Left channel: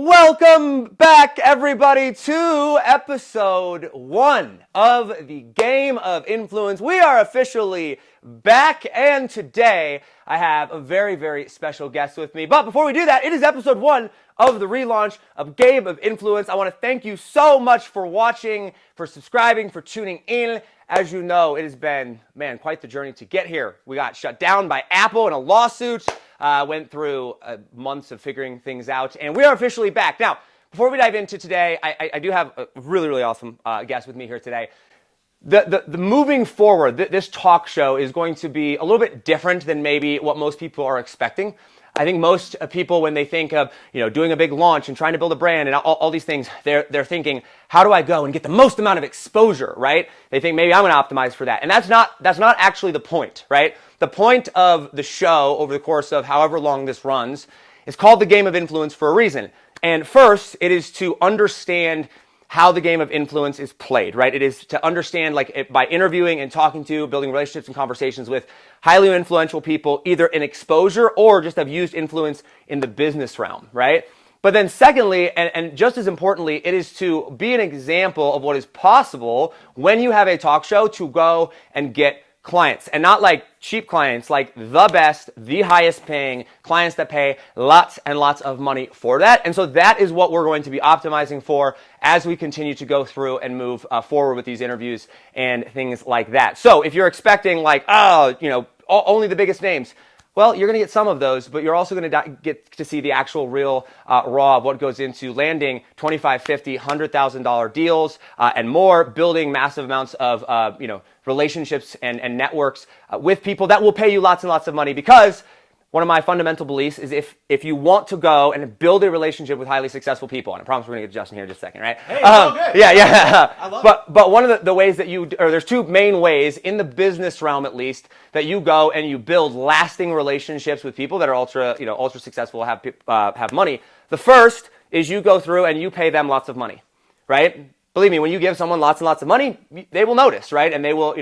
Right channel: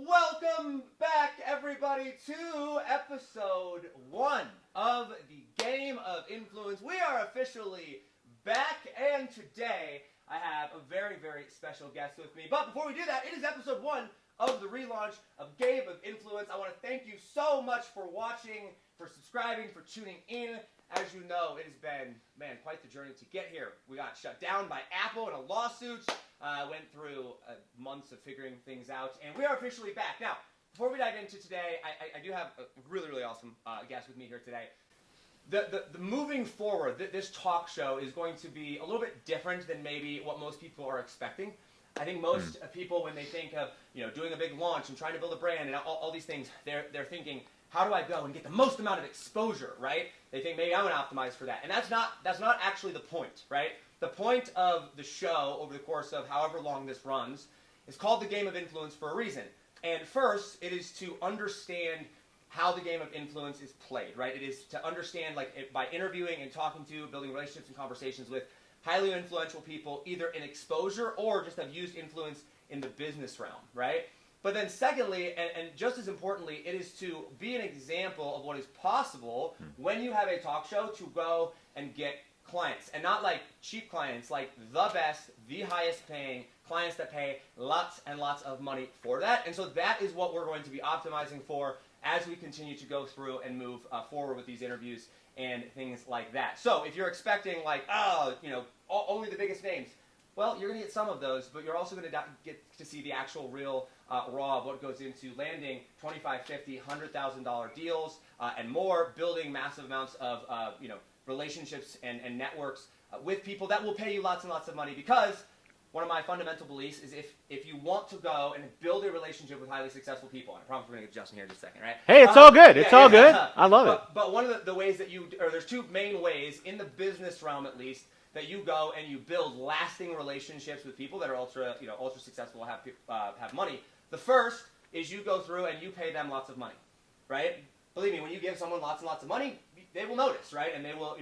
Welcome back, everybody, to episode 1 of the Game of Influence. We are officially back, and today I have a very, very special guest with me. But before we do that, it is episode 1 of the relaunch of Game of Influence. I want to thank you so much for watching, for subscribing, for tuning in. As you know, it has been, quite the journey to get here. We got shut down by Apple in a lawsuit. Went through months of figuring things out, and we are officially back. Now, before we dive into today, I do have a really, really awesome guest with me here today. The moving forward, this talk show is going to be a little bit different than maybe what most people are expecting. I think most people, when they think of doing a big launch and trying to build a brand and all these things, they're thinking, how do I go and get the most amount of exposure, right? They think maybe I'm going to optimize for that, and that's not actually the point, right? The point of the show over the course of however long this runs is called the Game of Influence for a reason. And first, it is to understand how the game of influence is played, right? It is to understand, by interviewing and talking to, building relationships and conversations with highly influential people, either in exposure or just have used influence in the business realm, right? But then secondly, and just as importantly, it is to be an example of what is possible when you have a talk show to go and get clients, and not like cheap clients, like the best, the highest paying clients that pay lots and lots of money for that. And so that is what we're going to be optimizing for as we continue to go through and move forward with these interviews and things like that. So if you're expecting only the biggest names, well, you're going to get some of those, but you're also going to get to see the actual real raw of what goes into landing $25,000, $50,000, $100,000 deals and more, building massive amounts of relationships and networks with people that will pay you lots and lots of money. Because one of my fundamental beliefs is if you want to go and build a relationship with highly successful people, and I promise we're going to get to Justin here in just a second, right? Hey, it's all good. Yeah. Good. I love it. But one of the ways that there's two main ways in the business realm, at least, that you go and you build lasting relationships with people that are ultra successful, have money. The first is you go through and you pay them lots of money, right? Believe me, when you give someone lots and lots of money, they will notice, right? And they will,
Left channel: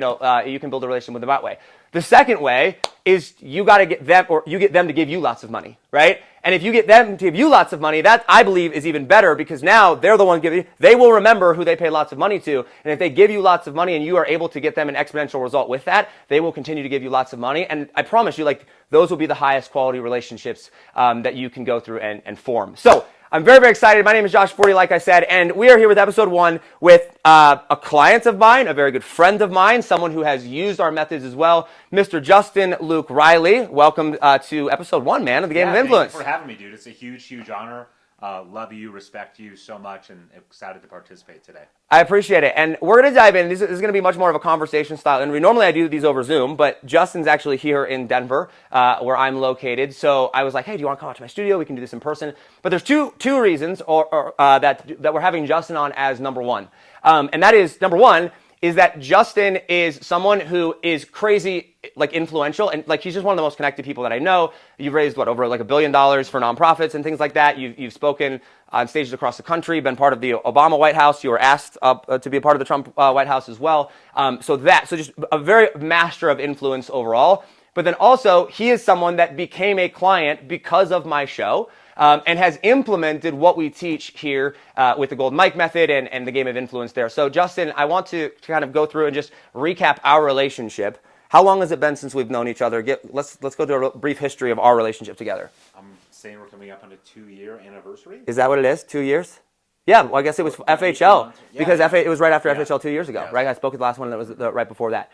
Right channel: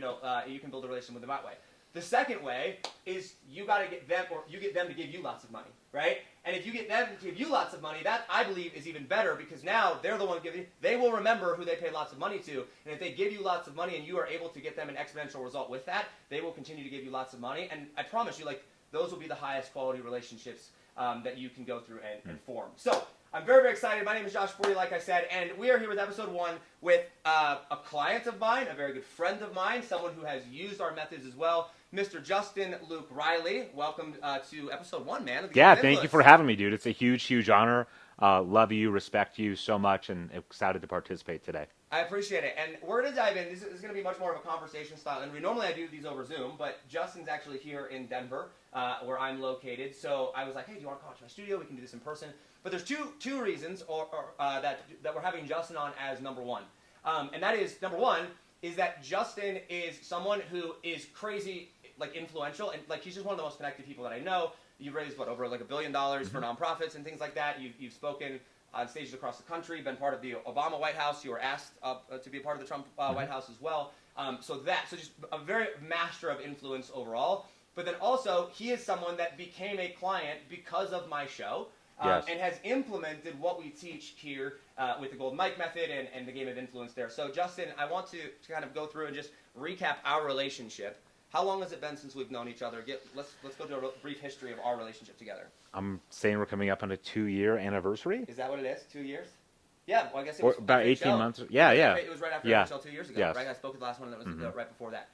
you can build a relationship with them that way. The second way is you got to get them, or you get them to give you lots of money, right? And if you get them to give you lots of money, that I believe is even better, because now they're the one giving you, they will remember who they pay lots of money to. And if they give you lots of money and you are able to get them an exponential result with that, they will continue to give you lots of money. And I promise you, those will be the highest quality relationships that you can go through and form. So I'm very, very excited. My name is Josh Forti, like I said, and we are here with episode 1 with a client of mine, a very good friend of mine, someone who has used our methods as well, Mr. Justin Luke Riley. Welcome to episode 1, man, of the Game of Influence. Thank you for having me, dude. It's a huge, huge honor. Love you, respect you so much, and excited to participate today. I appreciate it. And we're going to dive in. This is going to be much more of a conversation style. And normally I do these over Zoom, but Justin's actually here in Denver, where I'm located. So I was like, hey, do you want to come out to my studio? We can do this in person. But there's two reasons that we're having Justin on as number one. And that is, number one, is that Justin is someone who is crazy, influential, and he's just one of the most connected people that I know. You've raised over $1 billion for nonprofits and things like that. You've spoken on stages across the country, been part of the Obama White House. You were asked to be a part of the Trump White House as well. So just a very master of influence overall. But then also, he is someone that became a client because of my show. And has implemented what we teach here with the Golden Mike method and the Game of Influence there. So Justin, I want to kind of go through and just recap our relationship. How long has it been since we've known each other? Let's go through a brief history of our relationship together. I'm saying we're coming up on a 2-year anniversary. Is that what it is? 2 years? Yeah, well, I guess it was FHL. It was right after FHL 2 years ago, right? I spoke at the last one that was right before that.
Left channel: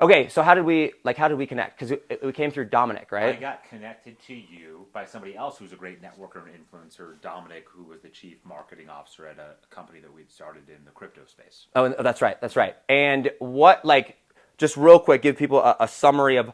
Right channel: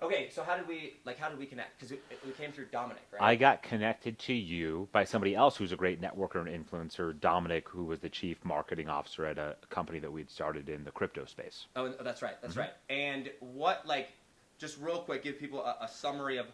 Okay, so how did we connect? Because we came through Dominic, right? I got connected to you by somebody else who's a great networker and influencer, Dominic, who was the chief marketing officer at a company that we'd started in the crypto space. Oh, that's right. And what, just real quick, give people a summary of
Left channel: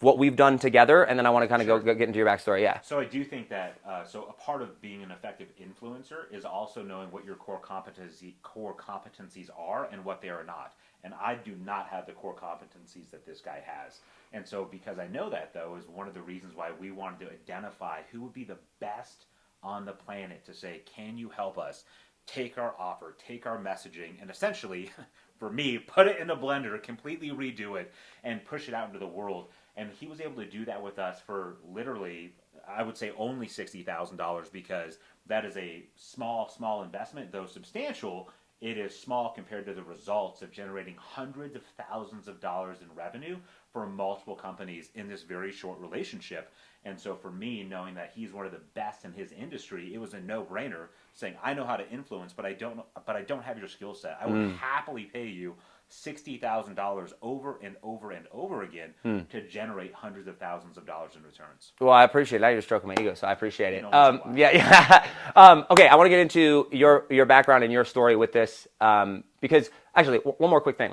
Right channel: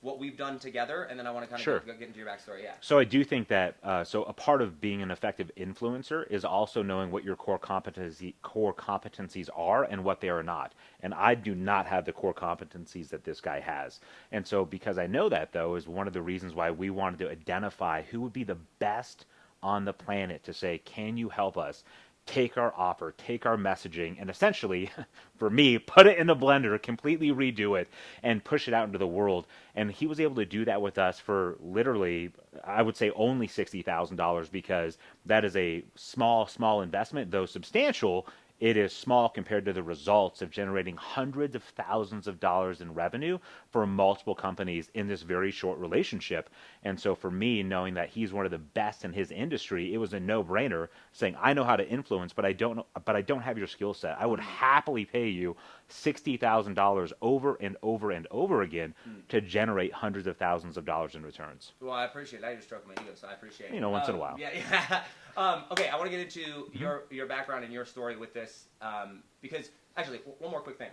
what we've done together, and then I want to kind of go get into your backstory. Yeah. So I do think that so a part of being an effective influencer is also knowing what your core competencies are and what they are not. And I do not have the core competencies that this guy has. And so because I know that, though, is one of the reasons why we wanted to identify who would be the best on the planet to say, can you help us take our offer, take our messaging, and essentially, for me, put it in a blender, completely redo it, and push it out into the world. And he was able to do that with us for literally, I would say, only $60,000, because that is a small investment, though substantial. It is small compared to the results of generating hundreds of thousands of dollars in revenue for multiple companies in this very short relationship. And so for me, knowing that he's one of the best in his industry, it was a no-brainer saying, I know how to influence, but I don't have your skill set. I would happily pay you $60,000 over and over and over again to generate hundreds of thousands of dollars in returns. Well, I appreciate it. Now you're stroking my ego, so I appreciate it. Once in a while. Yeah. Okay, I want to get into your background and your story with this, because actually, one more quick thing.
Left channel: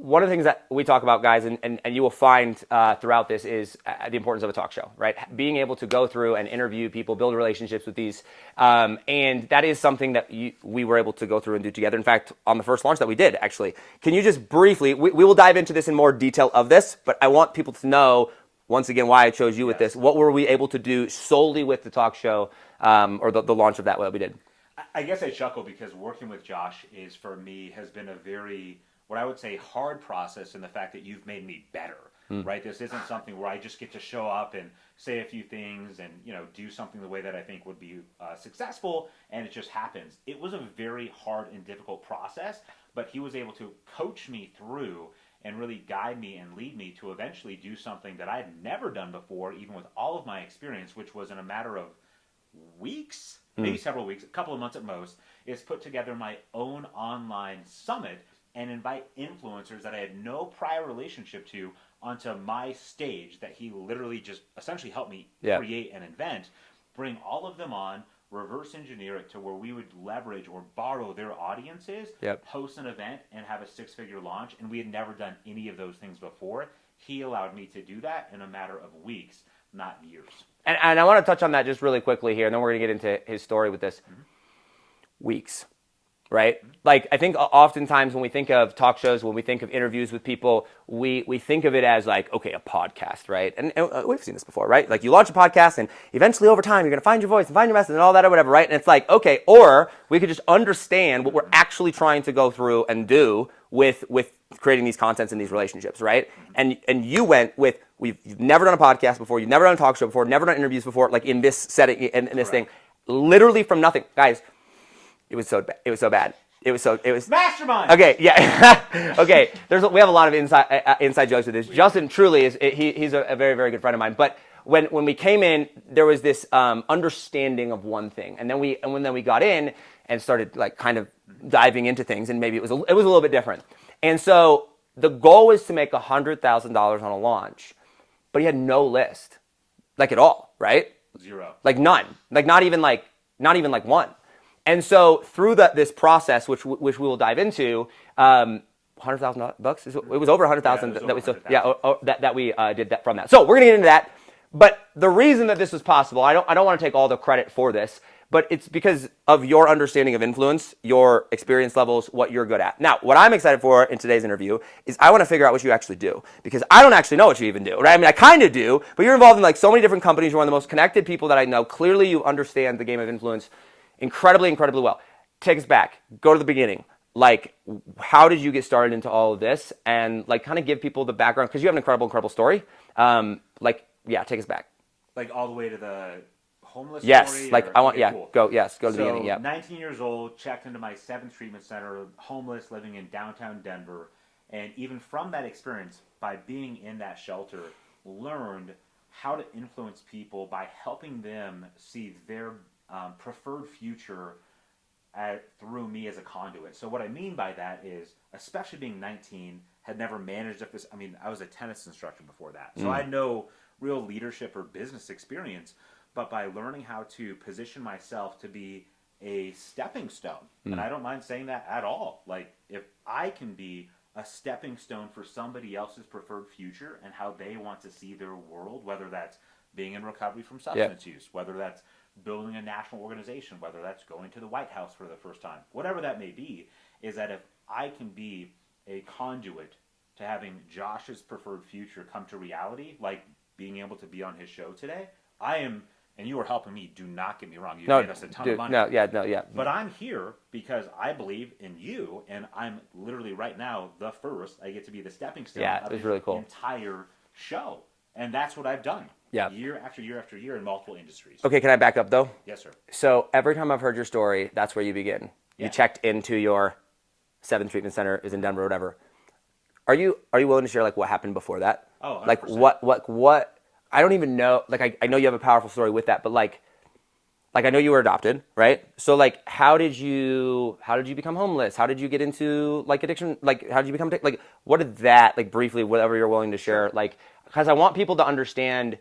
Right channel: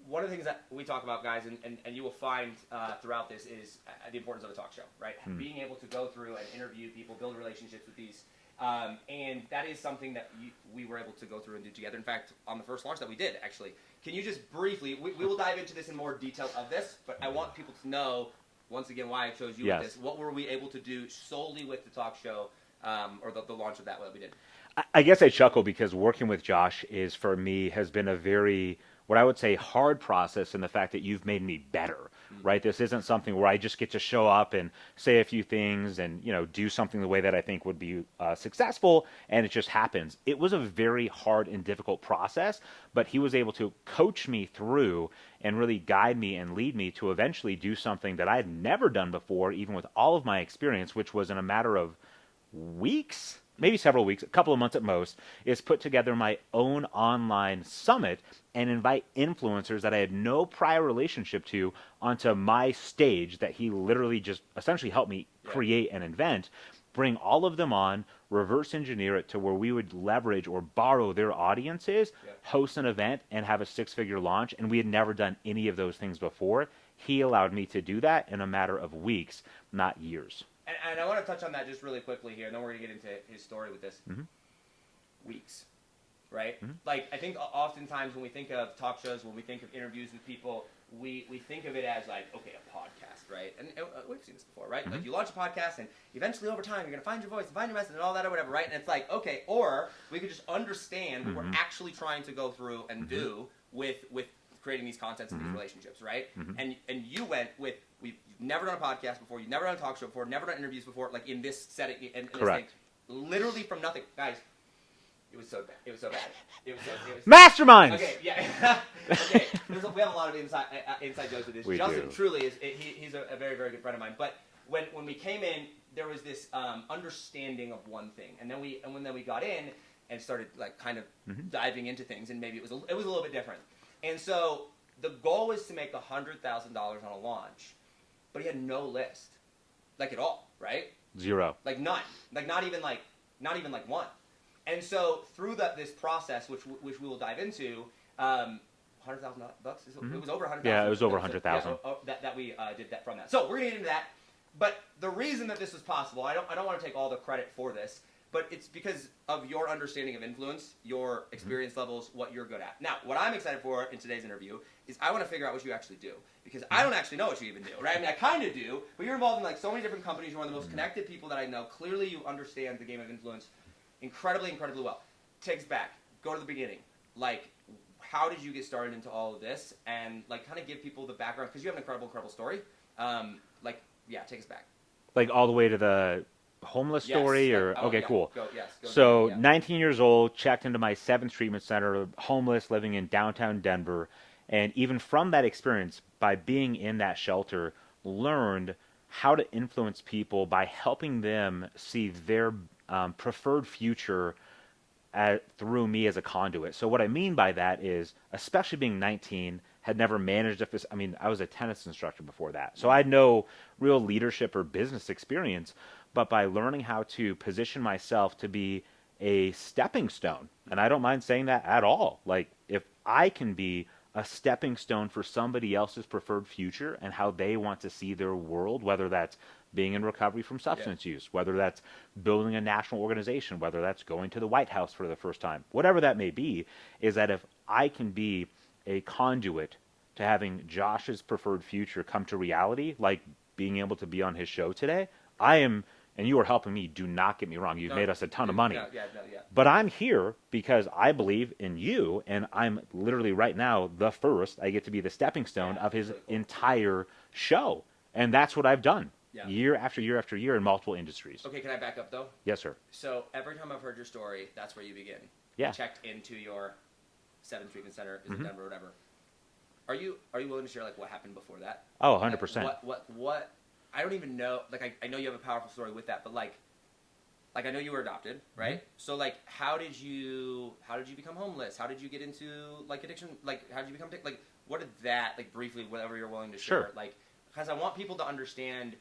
One of the things that we talk about, guys, and you will find throughout this is the importance of a talk show, right? Being able to go through and interview people, build relationships with these. And that is something that we were able to go through and do together. In fact, on the first launch that we did, actually. Can you just briefly, we will dive into this in more detail of this, but I want people to know, once again, why I chose you with this. What were we able to do solely with the talk show or the launch of that, what we did? I guess I chuckle because working with Josh is, for me, has been a very, what I would say, hard process in the fact that you've made me better, right? This isn't something where I just get to show up and say a few things and, do something the way that I think would be successful, and it just happens. It was a very hard and difficult process, but he was able to coach me through and really guide me and lead me to eventually do something that I had never done before, even with all of my experience, which was in a matter of weeks, maybe several weeks, a couple of months at most, is put together my own online summit and invite influencers that I had no prior relationship to onto my stage that he literally just essentially helped me create and invent, bring all of them on, reverse engineer it to where we would leverage or borrow their audiences, host an event, and have a six-figure launch. And we had never done any of those things before. He allowed me to do that in a matter of weeks, not years. And I want to touch on that just really quickly here, and then we're going to get into his story with this. Weeks, right? Like, I think oftentimes when we think of talk shows, when we think of interviews with people, we think of it as like, okay, a podcast, right? And we've seen this before, right? Like, you launch a podcast, and eventually over time, you're going to find your voice and find your message and all that or whatever, right? And it's like, okay, or we could just understand what we're actually trying to go through and do with creating these contents and these relationships, right? And you went with, you've never done a podcast before, you've never done a talk show before, never done interviews before, like in this setting, in this thing, literally from nothing. Guys, it was so bad. It was mastermind. Okay, yeah. Okay, we have a lot of inside jokes with this. Justin truly is, he's a very, very good friend of mine. But when we came in, there was this understanding of one thing, and then we got in and started like kind of diving into things, and maybe it was a little bit different. And so the goal was to make $100,000 on a launch, but he had no list, like at all, right? Zero. Like none. Like not even like one. And so through this process, which we will dive into, $100,000. It was over $100,000 that we did that from that. So we're gonna get into that. But the reason that this was possible, I don't want to take all the credit for this, but it's because of your understanding of influence, your experience levels, what you're good at. Now, what I'm excited for in today's interview is I want to figure out what you actually do, because I don't actually know what you even do, right? I mean, I kind of do, but you're involved in like so many different companies. You're one of the most connected people that I know. Clearly, you understand the game of influence incredibly, incredibly well. Take us back. Go to the beginning. Like, how did you get started into all of this? And like, kind of give people the background, because you have an incredible story. Take us back. Like all the way to the homeless story? Yes, like I want, cool. Go to the beginning, 19 years old, checked into my 7th treatment center, homeless, living in downtown Denver. And even from that experience, by being in that shelter, learned how to influence people by helping them see their preferred future through me as a conduit. So what I mean by that is, especially being 19, had never managed I was a tennis instructor before that. So I had no real leadership or business experience, but by learning how to position myself to be a stepping stone, and I don't mind saying that at all. Like, if I can be a stepping stone for somebody else's preferred future and how they want to see their world, whether that's being in recovery from substance use, whether that's building a national organization, whether that's going to the White House for the first time, whatever that may be, is that if I can be a conduit to having Josh's preferred future come to reality, like being able to be on his show today, I am and you are helping me. Do not get me wrong. You've No, made us a ton dude, of money. yeah. But I'm here because I believe in you, and I'm literally right now the first. I get to be the stepping stone of his really cool. entire show, and that's what I've done. Yeah. Year after year after year in multiple industries. Okay, can I back up though? Yes, sir. So every time I've heard your story, that's where you begin. Yeah. You checked into your 7th treatment center is in Denver or whatever. Are you willing to share like what happened before that? Oh, 100%. Like what I don't even know, like I know you have a powerful story with that, but like I know you were adopted, right? So like how did you become homeless? How did you get into like addiction? Like how did you become like what did that like briefly, whatever you're willing to share, Sure. like because I want people to understand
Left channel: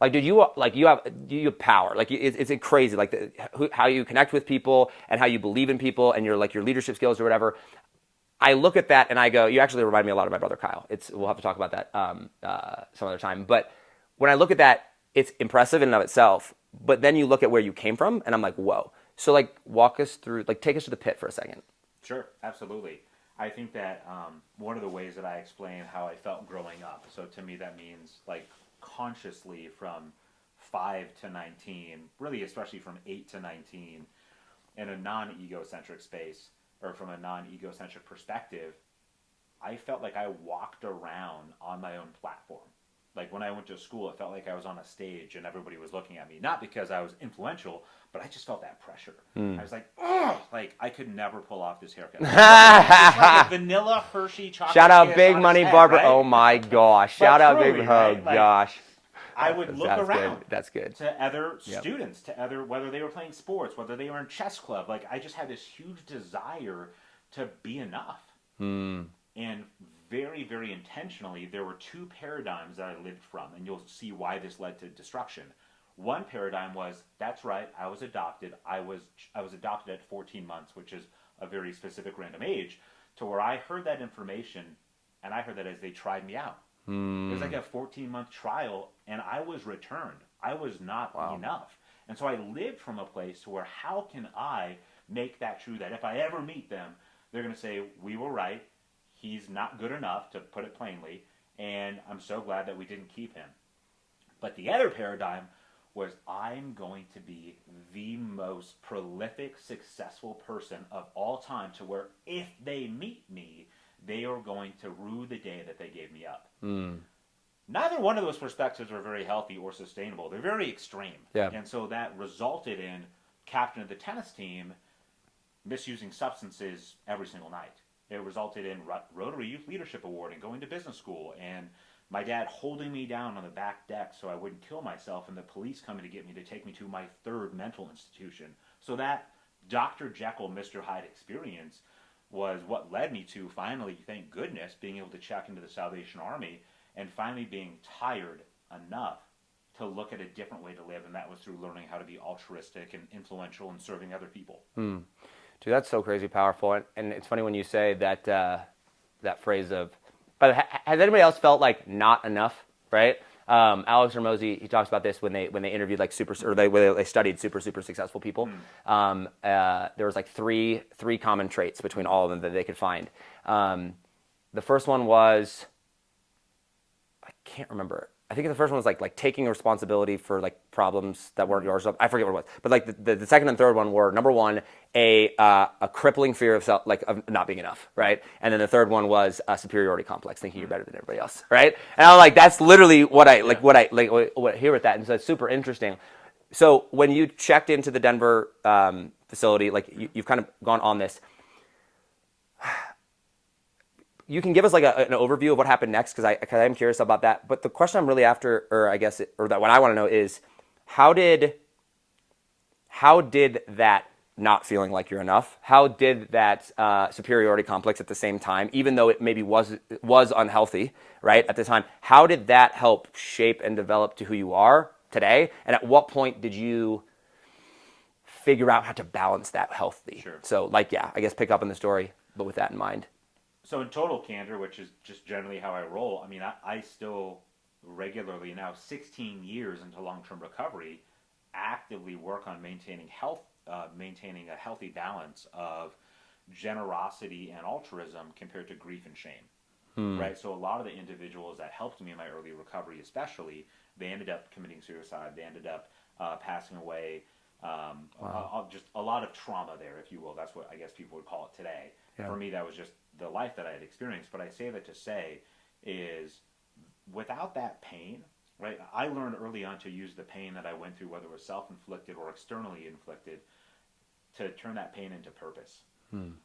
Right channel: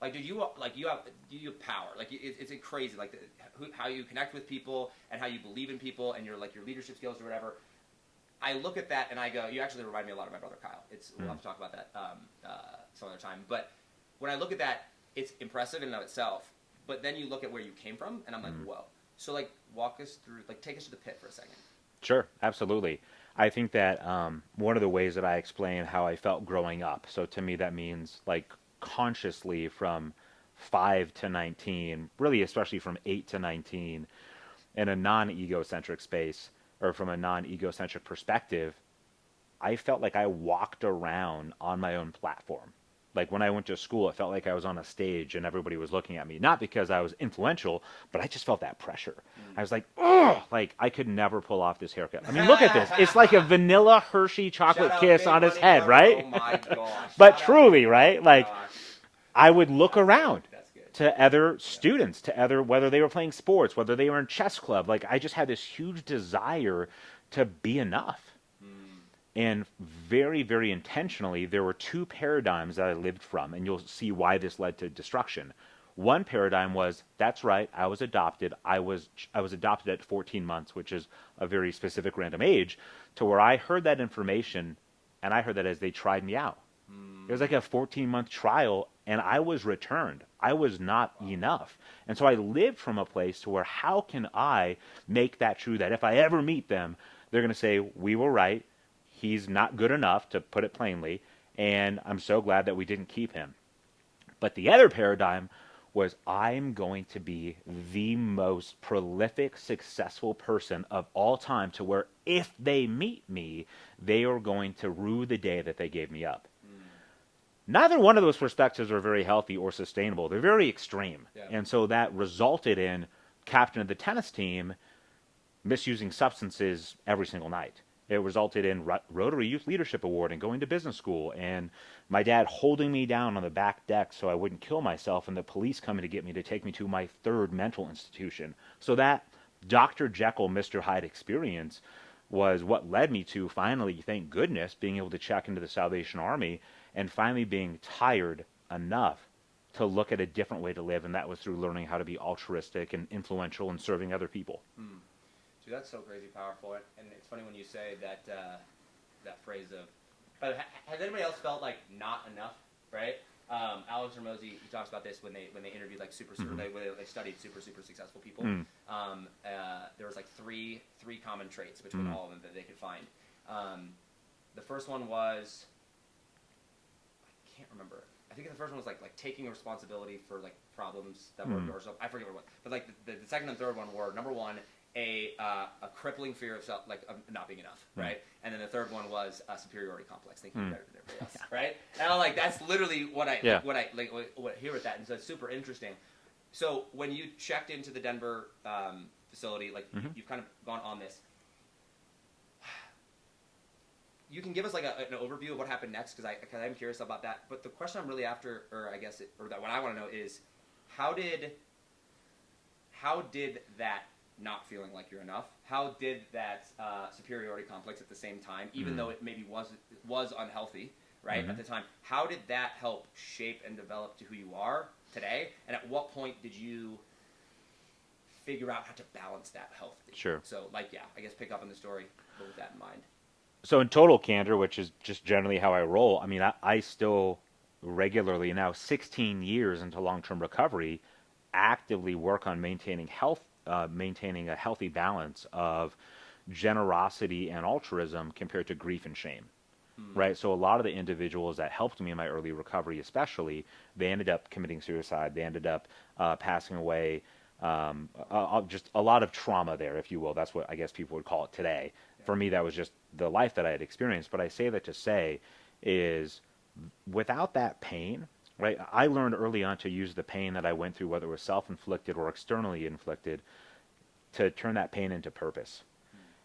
like, dude, you have power. Like, it's crazy. Like, how you connect with people and how you believe in people and your leadership skills or whatever. I look at that and I go, you actually remind me a lot of my brother Kyle. We'll have to talk about that some other time. But when I look at that, it's impressive in and of itself. But then you look at where you came from, and I'm like, whoa. So like, walk us through, like, take us to the pit for a second. Sure, absolutely. I think that one of the ways that I explain how I felt growing up. So to me, that means like consciously from 5 to 19, really especially from 8 to 19, in a non-egocentric space or from a non-egocentric perspective, I felt like I walked around on my own platform. Like when I went to school, it felt like I was on a stage and everybody was looking at me. Not because I was influential, but I just felt that pressure. I was like, oh, like I could never pull off this haircut. Look at this. It's like a vanilla Hershey chocolate Shout out kiss Big on Money his head, Barber. right? Oh my gosh. But Shout out truly, Big right? Oh, Like, gosh. I would look That's around. Good. That's good. To other students, to other, whether they were playing sports, whether they were in chess club. Like I just had this huge desire to be enough. And very, very intentionally, there were two paradigms that I lived from, and you'll see why this led to destruction. One paradigm was, that's right, I was adopted. I was adopted at 14 months, which is a very specific random age, to where I heard that information, and I heard that as they tried me out. It was like a 14-month trial, and I was returned. I was not enough. And so I lived from a place to where how can I make that true, that if I ever meet them, they're going to say, we were right. He's not good enough, to put it plainly, and I'm so glad that we didn't keep him. But the other paradigm was I'm going to be the most prolific, successful person of all time, to where if they meet me, they are going to rue the day that they gave me up. Neither one of those perspectives are very healthy or sustainable. They're very extreme. Yeah. And so that resulted in captain of the tennis team misusing substances every single night. It resulted in Rotary Youth Leadership Award and going to business school, and my dad holding me down on the back deck so I wouldn't kill myself, and the police coming to get me to take me to my third mental institution. So that Dr. Jekyll, Mr. Hyde experience was what led me to finally, thank goodness, being able to check into the Salvation Army and finally being tired enough to look at a different way to live, and that was through learning how to be altruistic and influential and serving other people. Dude, that's so crazy powerful. And it's funny when you say that that phrase of, but has anybody else felt like not enough, right? Alex Hormozy, he talks about this when they interviewed like when they studied super successful people. There was like three common traits between all of them that they could find. The first one was, I can't remember. I think the first one was like taking responsibility for like problems that weren't yours. I forget what it was, but like the second and third one were, number one, a crippling fear of of not being enough, right? And then the third one was a superiority complex, thinking you're better than everybody else, right? And I'm like, that's literally what I what I hear with that, and so it's super interesting. So when you checked into the Denver facility, like you've kind of gone on this. You can give us like an overview of what happened next, because I am curious about that. But the question I'm really after, or I guess, what I want to know is, how did that not feeling like you're enough, how did that superiority complex at the same time, even though it maybe was unhealthy, right, at the time, how did that help shape and develop to who you are today? And at what point did you figure out how to balance that healthy? Sure. So I guess pick up in the story, but with that in mind. So in total candor, which is just generally how I roll, I mean, I still regularly, now 16 years into long-term recovery, actively work on maintaining a healthy balance of generosity and altruism compared to grief and shame. Right? So a lot of the individuals that helped me in my early recovery especially, they ended up committing suicide. They ended up passing away. Just a lot of trauma there, if you will. That's what I guess people would call it today. Yeah. For me, that was just the life that I had experienced. But I say that to say is without that pain, right? I learned early on to use the pain that I went through, whether it was self-inflicted or externally inflicted, to turn that pain into purpose.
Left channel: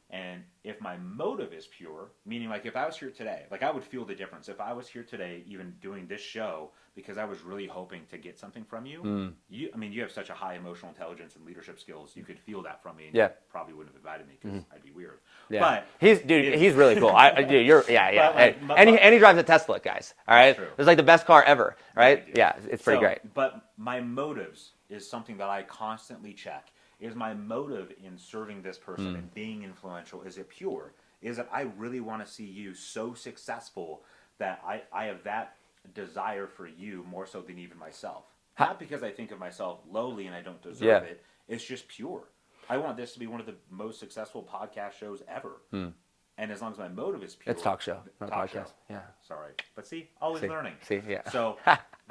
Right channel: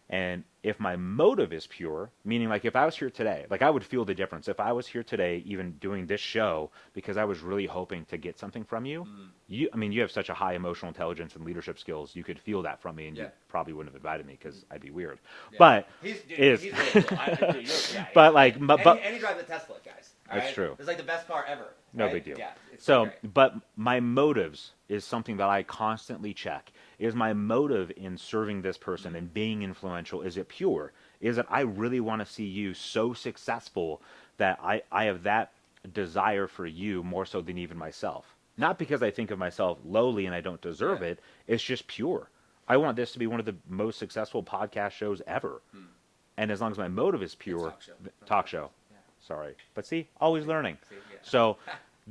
And if my motive is pure, meaning like if I was here today, like I would feel the difference. If I was here today, even doing this show, because I was really hoping to get something from you, I mean, you have such a high emotional intelligence and leadership skills. You could feel that from me, and you probably wouldn't have invited me because I'd be weird. Yeah. But he's really cool. Dude, you're But like, and he drives a Tesla, guys. All right, true. It's like the best car ever, right? big deal. Yeah, it's pretty great. But my motives is something that I constantly check. Is my motive in serving this person and being influential, is it pure? Is it I really want to see you so successful that I have that desire for you more so than even myself? Not because I think of myself lowly and I don't deserve it. It's just pure. I want this to be one of the most successful podcast shows ever. And as long as my motive is pure. It's talk show. Talk show. Yeah. Sorry. But see, always learning. See, yeah. So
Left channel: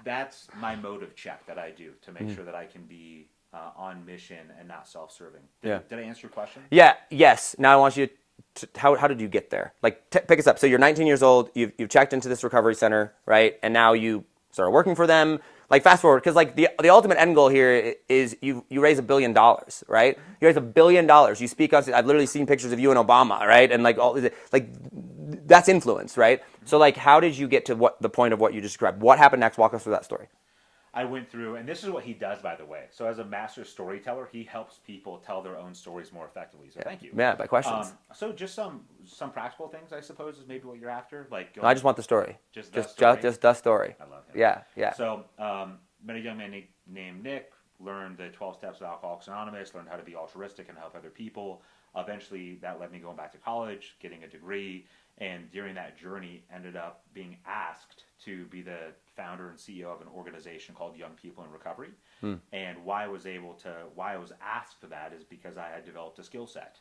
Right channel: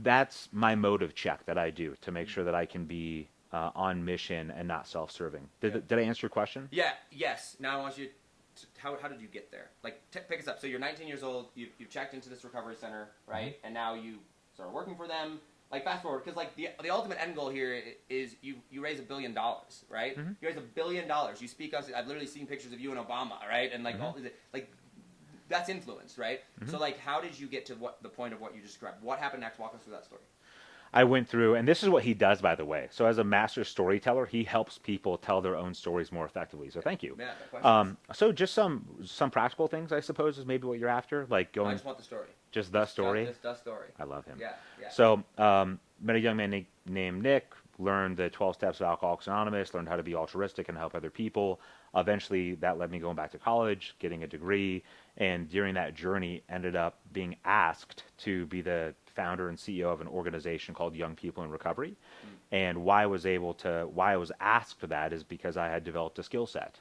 that's my motive check that I do to make sure that I can be on mission and not self-serving. Did I answer your question? Yeah. Yes. Now I want you to, how did you get there? Like, pick us up. So you're 19 years old. You've checked into this recovery center, right? And now you started working for them. Like, fast forward, because like the ultimate end goal here is you raise $1 billion, right? You raise $1 billion. You speak on. I've literally seen pictures of you and Obama, right? And like that's influence, right? So like, how did you get to the point of what you described? What happened next? Walk us through that story. I went through, and this is what he does, by the way. So as a master storyteller, he helps people tell their own stories more effectively. So thank you. Yeah, by questions. So just some practical things, I suppose, is maybe what you're after. Like I just want the story. Just the story? Just the story. I love him. Yeah. So met a young man named Nick, learned the 12 steps of Alcoholics Anonymous, learned how to be altruistic and help other people. Eventually, that led me going back to college, getting a degree, and during that journey, ended up being asked to be the founder and CEO of an organization called Young People in Recovery. And why I was asked for that is because I had developed a skill set,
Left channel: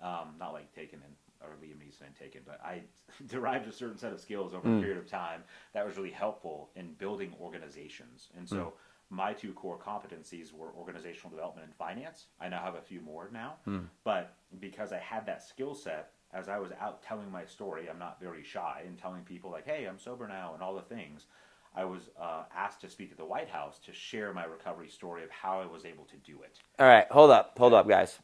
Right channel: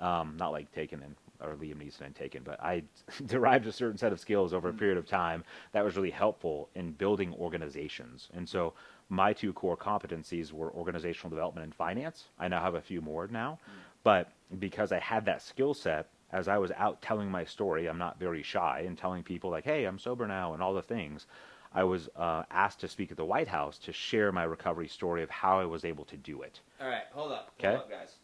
not like Taken or Liam Neeson and Taken, but I derived a certain set of skills over a period of time that was really helpful in building organizations. And so my two core competencies were organizational development and finance. I now have a few more now, but because I had that skill set, as I was out telling my story, I'm not very shy and telling people like, hey, I'm sober now and all the things. I was asked to speak at the White House to share my recovery story of how I was able to do it. All right, hold up, guys.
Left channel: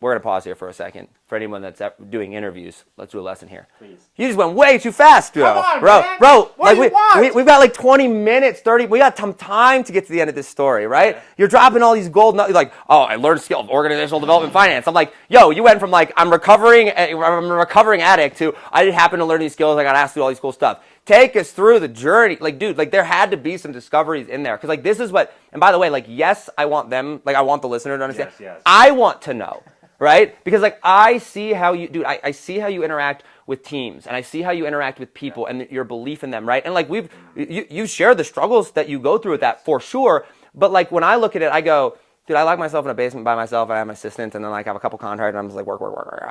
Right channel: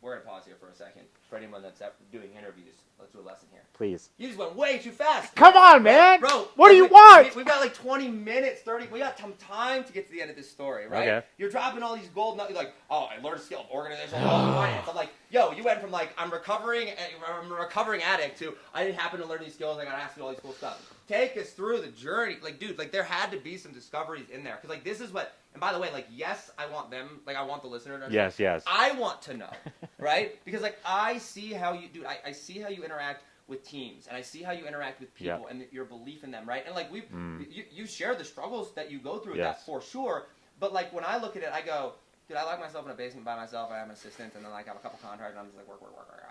We're gonna pause here for a second. For anyone that's doing interviews, let's do a lesson here. Please. You just went way too fast, bro. Come on, man. Bro, what do you want? We've got like 20 minutes, 30. We got some time to get to the end of this story, right? Yeah. You're dropping all these gold nuggets, like, oh, I learned skill of organizational development finance. I'm like, yo, you went from like, I'm a recovering addict to I didn't happen to learn these skills. I got asked to do all these cool stuff. Take us through the journey. Like, dude, like there had to be some discoveries in there. Because like this is what, and by the way, like, yes, I want them, like I want the listener to understand. Yes. I want to know, right? Because like I see how you, dude, I see how you interact with teams and I see how you interact with people and your belief in them, right? And like you share the struggles that you go through with that for sure. But like when I look at it, I go, dude, I lock myself in a basement by myself. I have an assistant, and then like I have a couple contracts, and I'm just like work.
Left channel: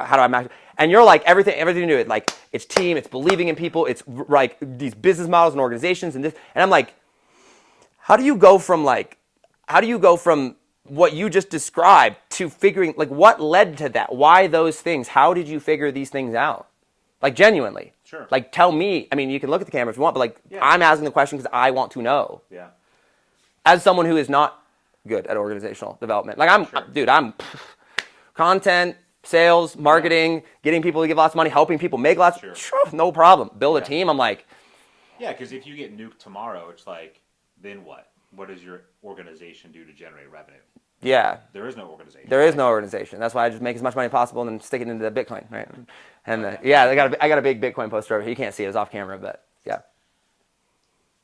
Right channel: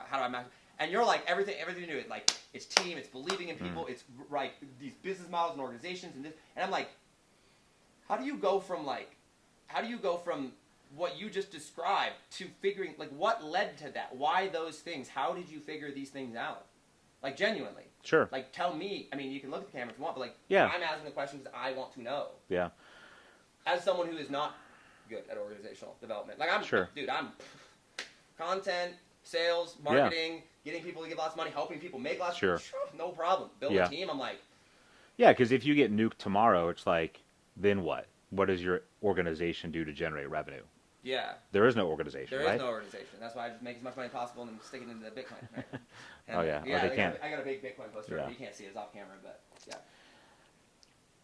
How do I match? And you're like everything you do. It like it's team, it's believing in people, it's like these business models and organizations, and this. And I'm like, how do you go from what you just described to figuring like what led to that? Why those things? How did you figure these things out? Like genuinely. Sure. Like tell me. I mean, you can look at the camera if you want, but like I'm asking the question because I want to know. Yeah. As someone who is not good at organizational development. Like I'm content, sales, marketing, getting people to give lots of money, helping people make lots. Sure, no problem. Build a team. I'm like, because if you get nuked tomorrow, it's like, then what? What does your organization do to generate revenue? Yeah, there is no organization. There is no organization. That's why I just make as much money as possible and then stick it into the Bitcoin, right? And I got a big Bitcoin poster over here. You can't see it; it's off camera, but yeah.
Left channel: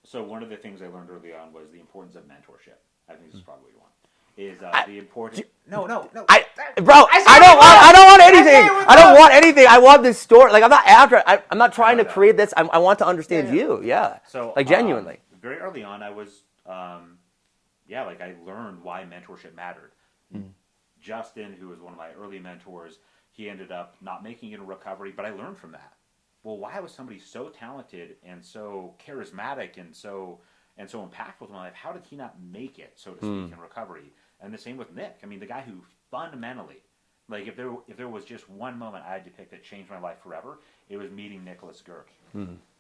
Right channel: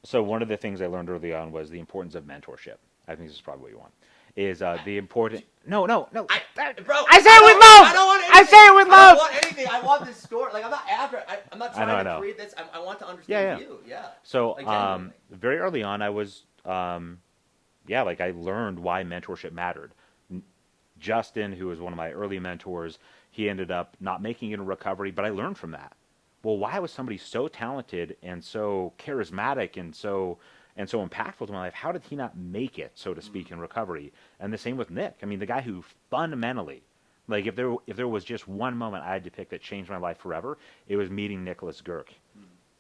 So one of the things I learned early on was the importance of mentorship. I think this is probably what you want. Is the important? No. I don't want anything. I don't want anything. I want this story. Like I'm not after. I'm not trying to create this. I want to understand you. Yeah. So like genuinely. Very early on, I was like I learned why mentorship mattered. Justin, who was one of my early mentors, he ended up not making it in recovery, but I learned from that. Well, why was somebody so talented and so charismatic and so and so impactful to my life. How did he not make it, so to speak, in recovery? And the same with Nick. I mean, the guy who fundamentally, like if there was just one moment I had to pick that changed my life forever, it was meeting Nicholas Girk.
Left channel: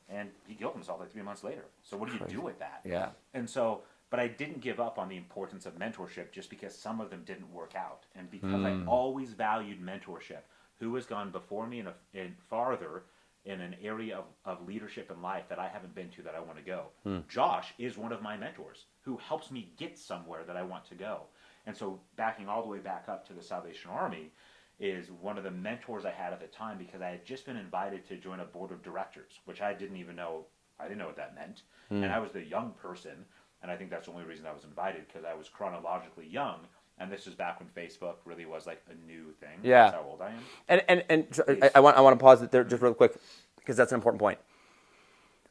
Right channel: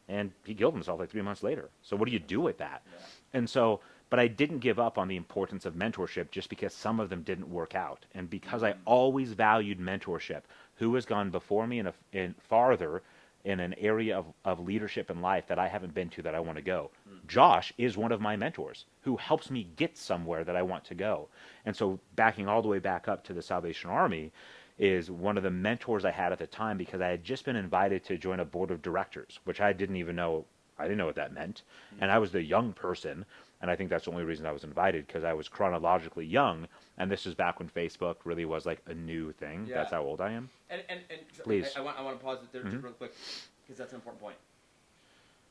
And he killed himself like 3 months later. So what do you do with that? Yeah. And so, but I didn't give up on the importance of mentorship just because some of them didn't work out. And because I always valued mentorship, who has gone before me in farther in an area of leadership in life that I haven't been to that I want to go. Josh is one of my mentors who helps me get somewhere that I want to go. And so backing all the way back up to the Salvation Army is one of the mentors I had at the time, because I had just been invited to join a board of directors, which I didn't even know. I didn't know what that meant. And I was the young person. And I think that's the only reason I was invited, because I was chronologically young. And this is back when Facebook really was like a new thing. Yeah. That's how old I am. And so I want to pause it there just real quick, because that's an important point.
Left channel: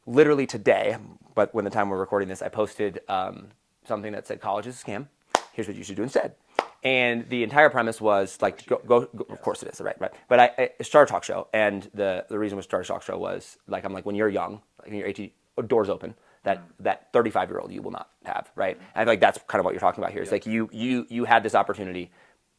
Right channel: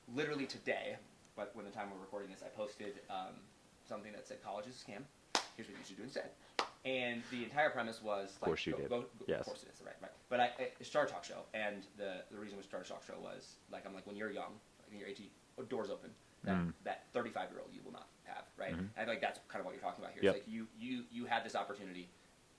Literally today, but when the time we're recording this, I posted something that said college is a scam. Here's what you should do instead. And the entire premise was like, go Yes. Of course it is, right? But it's Star Talk Show, and the reason with Star Talk Show was like, I'm like, when you're young, like when you're 18, doors open. That 35-year-old you will not have, right? And I feel like that's kind of what you're talking about here. It's like you had this opportunity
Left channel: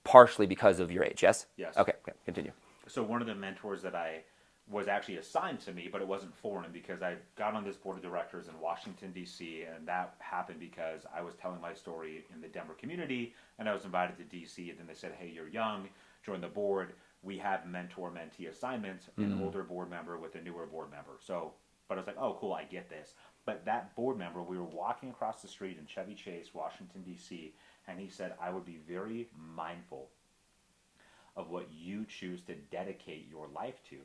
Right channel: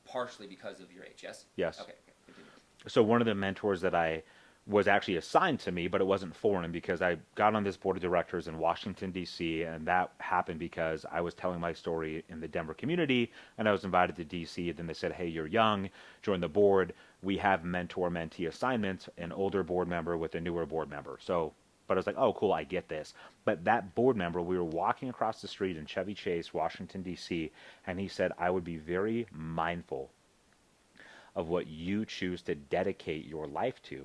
partially because of your age, yes? Yes. Okay, continue. So one of the mentors that I was actually assigned to me, but it wasn't foreign, because I got on this board of directors in Washington, D.C., and that happened because I was telling my story in the Denver community, and I was invited to D.C., and then they said, hey, you're young, join the board. We have mentor-mentee assignments, an older board member with a newer board member. So, but I was like, oh, cool, I get this. But that board member, we were walking across the street in Chevy Chase, Washington, D.C., and he said, I would be very mindful of what you choose to dedicate your life to.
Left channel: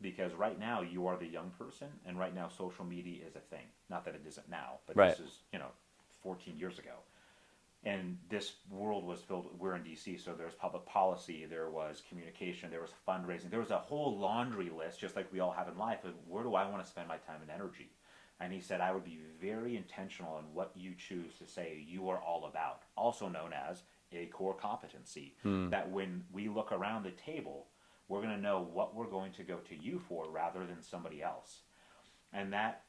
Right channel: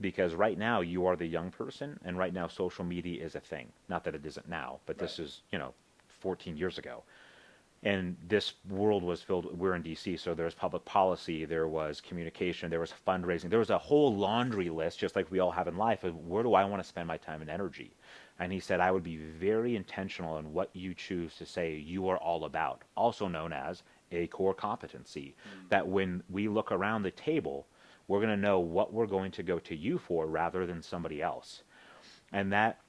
Because right now you are the young person, and right now social media is a thing. Not that it isn't now, but this is, 14 years ago. And this world was filled, we're in DC, so there was public policy, there was communication, there was fundraising, there was a whole laundry list, just like we all have in life, of where do I want to spend my time and energy? And he said, I would be very intentional in what you choose to say you are all about, also known as a core competency, that when we look around the table, we're going to know what we're going to go to you for rather than somebody else. And that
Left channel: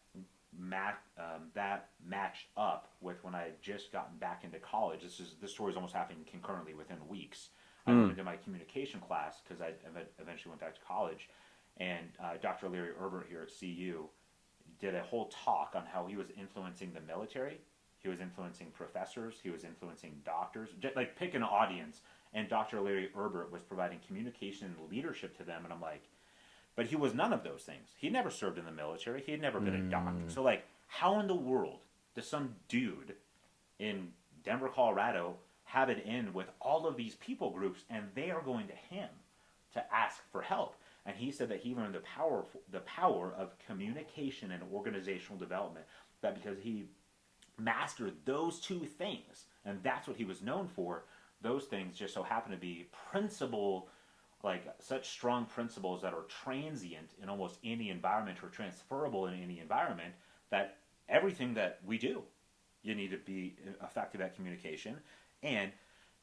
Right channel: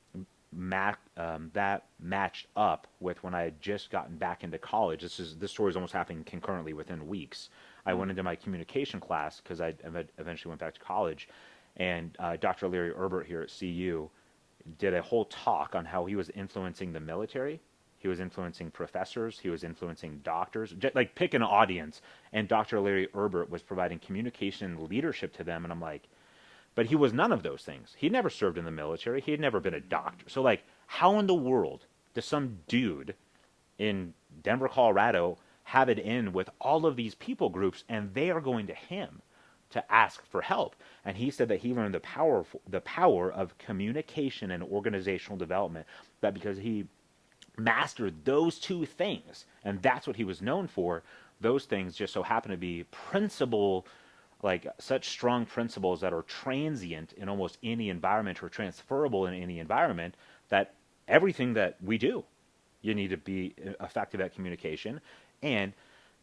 matched up with when I had just gotten back into college. This story is almost happening concurrently within weeks. I went into my communication class because I eventually went back to college, and Dr. Larry Erbert here at CU did a whole talk on how he was influencing the military. He was influencing professors. He was influencing doctors. Like, pick an audience, and Dr. Larry Erbert was providing communication leadership to them. And I'm like, but he was none of those things. He'd never served in the military. He had never been a doctor. So, like, how in the world does some dude in Denver, Colorado have it in with all of these people groups, and they are going to him to ask for help? And he said that he learned the power of communication and organizational development, that because he mastered those two things, and that's what he was known for. Those things just so happen to be like such strong principles that are transient in almost any environment, or transferable in any environment, that everything that we do, you need to be effective at communication. And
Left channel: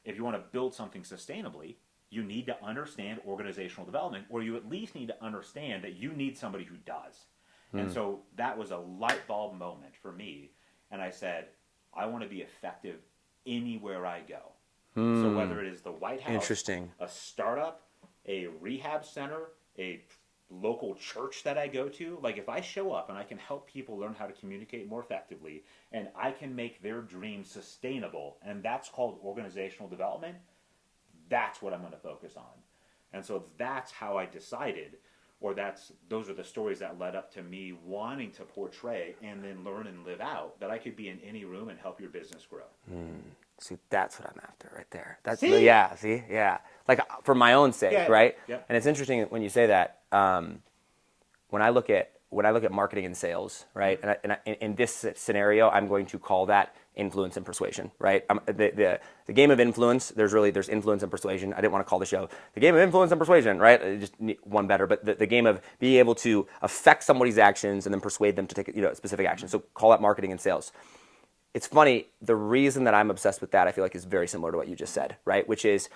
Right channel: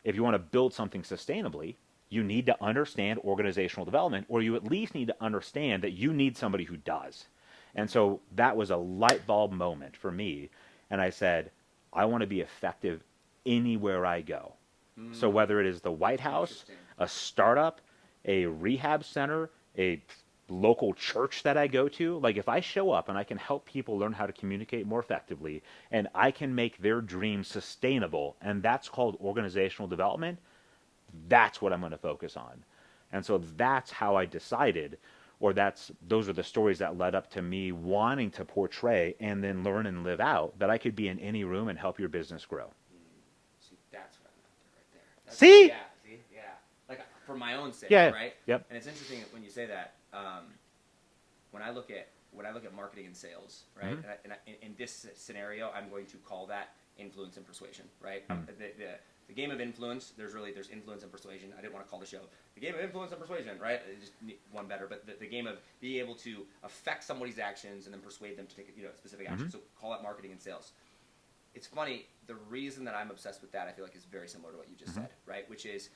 if you want to build something sustainably, you need to understand organizational development, or you at least need to understand that you need somebody who does. And so that was a light bulb moment for me. And I said, I want to be effective anywhere I go. So whether it is the White House, a startup, a rehab center, a local church that I go to, like, if I show up and I can help people learn how to communicate more effectively, and I can make their dreams sustainable, and that's called organizational development, that's what I'm going to focus on. And so that's how I decided, or those are the stories that led up to me wanting to portray and then learn and live out that I could be in any room and help your business grow. See, that's what I'm after right there. See? Yeah, see? Yeah. Like, for my own sake, right? Yep. And it's interesting when you say that. When I look at marketing and sales, right? And in this scenario, I'm going to call that influence and persuasion, right? The game of influence, there's influence and persuasion. I didn't want to call the show the game of influence and persuasion, right? I just need one better, but the game of being able to affect somebody's actions and then persuade them to take specific action. So call that marketing and sales. It's funny, the reason that I'm obsessed with that, I feel like, is very similar to what you just said, right? Which is,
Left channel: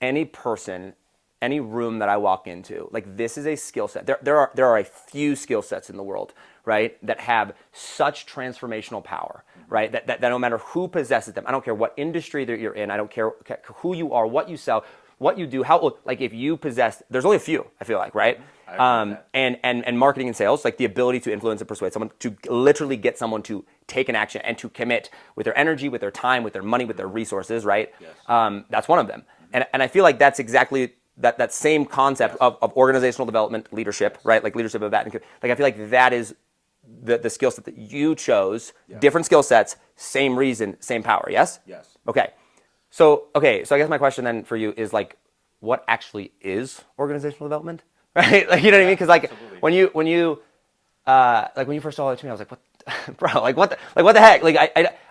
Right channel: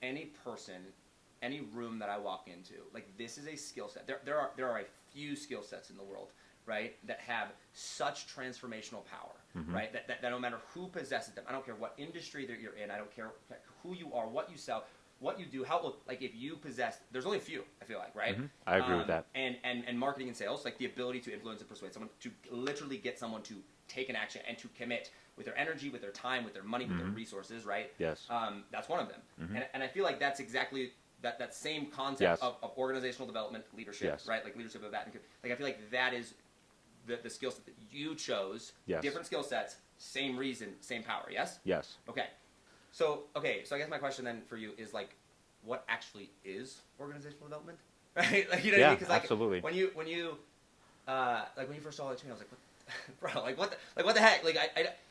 any person any room that I walk into, like this is a skill set. There are a few skill sets in the world, right, that have such transformational power, right? That no matter who possesses them, I don't care what industry that you're in, I don't care who you are, what you sell, what you do, how, like if you possess, there's only a few, I feel like, right? I agree with that. And marketing and sales, like the ability to influence and persuade someone, to literally get someone to take an action and to commit with their energy, with their time, with their money, with their resources, right? Yes. That's one of them. And I feel like that's exactly that same concept Yes. of organizational development, leadership, Yes. right? Like leadership of that. Like I feel like that is the skill set that you chose, Yes. different skill sets, same reason, same power, yes? Yes. Okay. So I guess my question then for you is like, what actually is organizational development, right? Like, you know what I mean? Because like absolutely. when you first told it to me, I was like, what, bro? Like what the heck? Like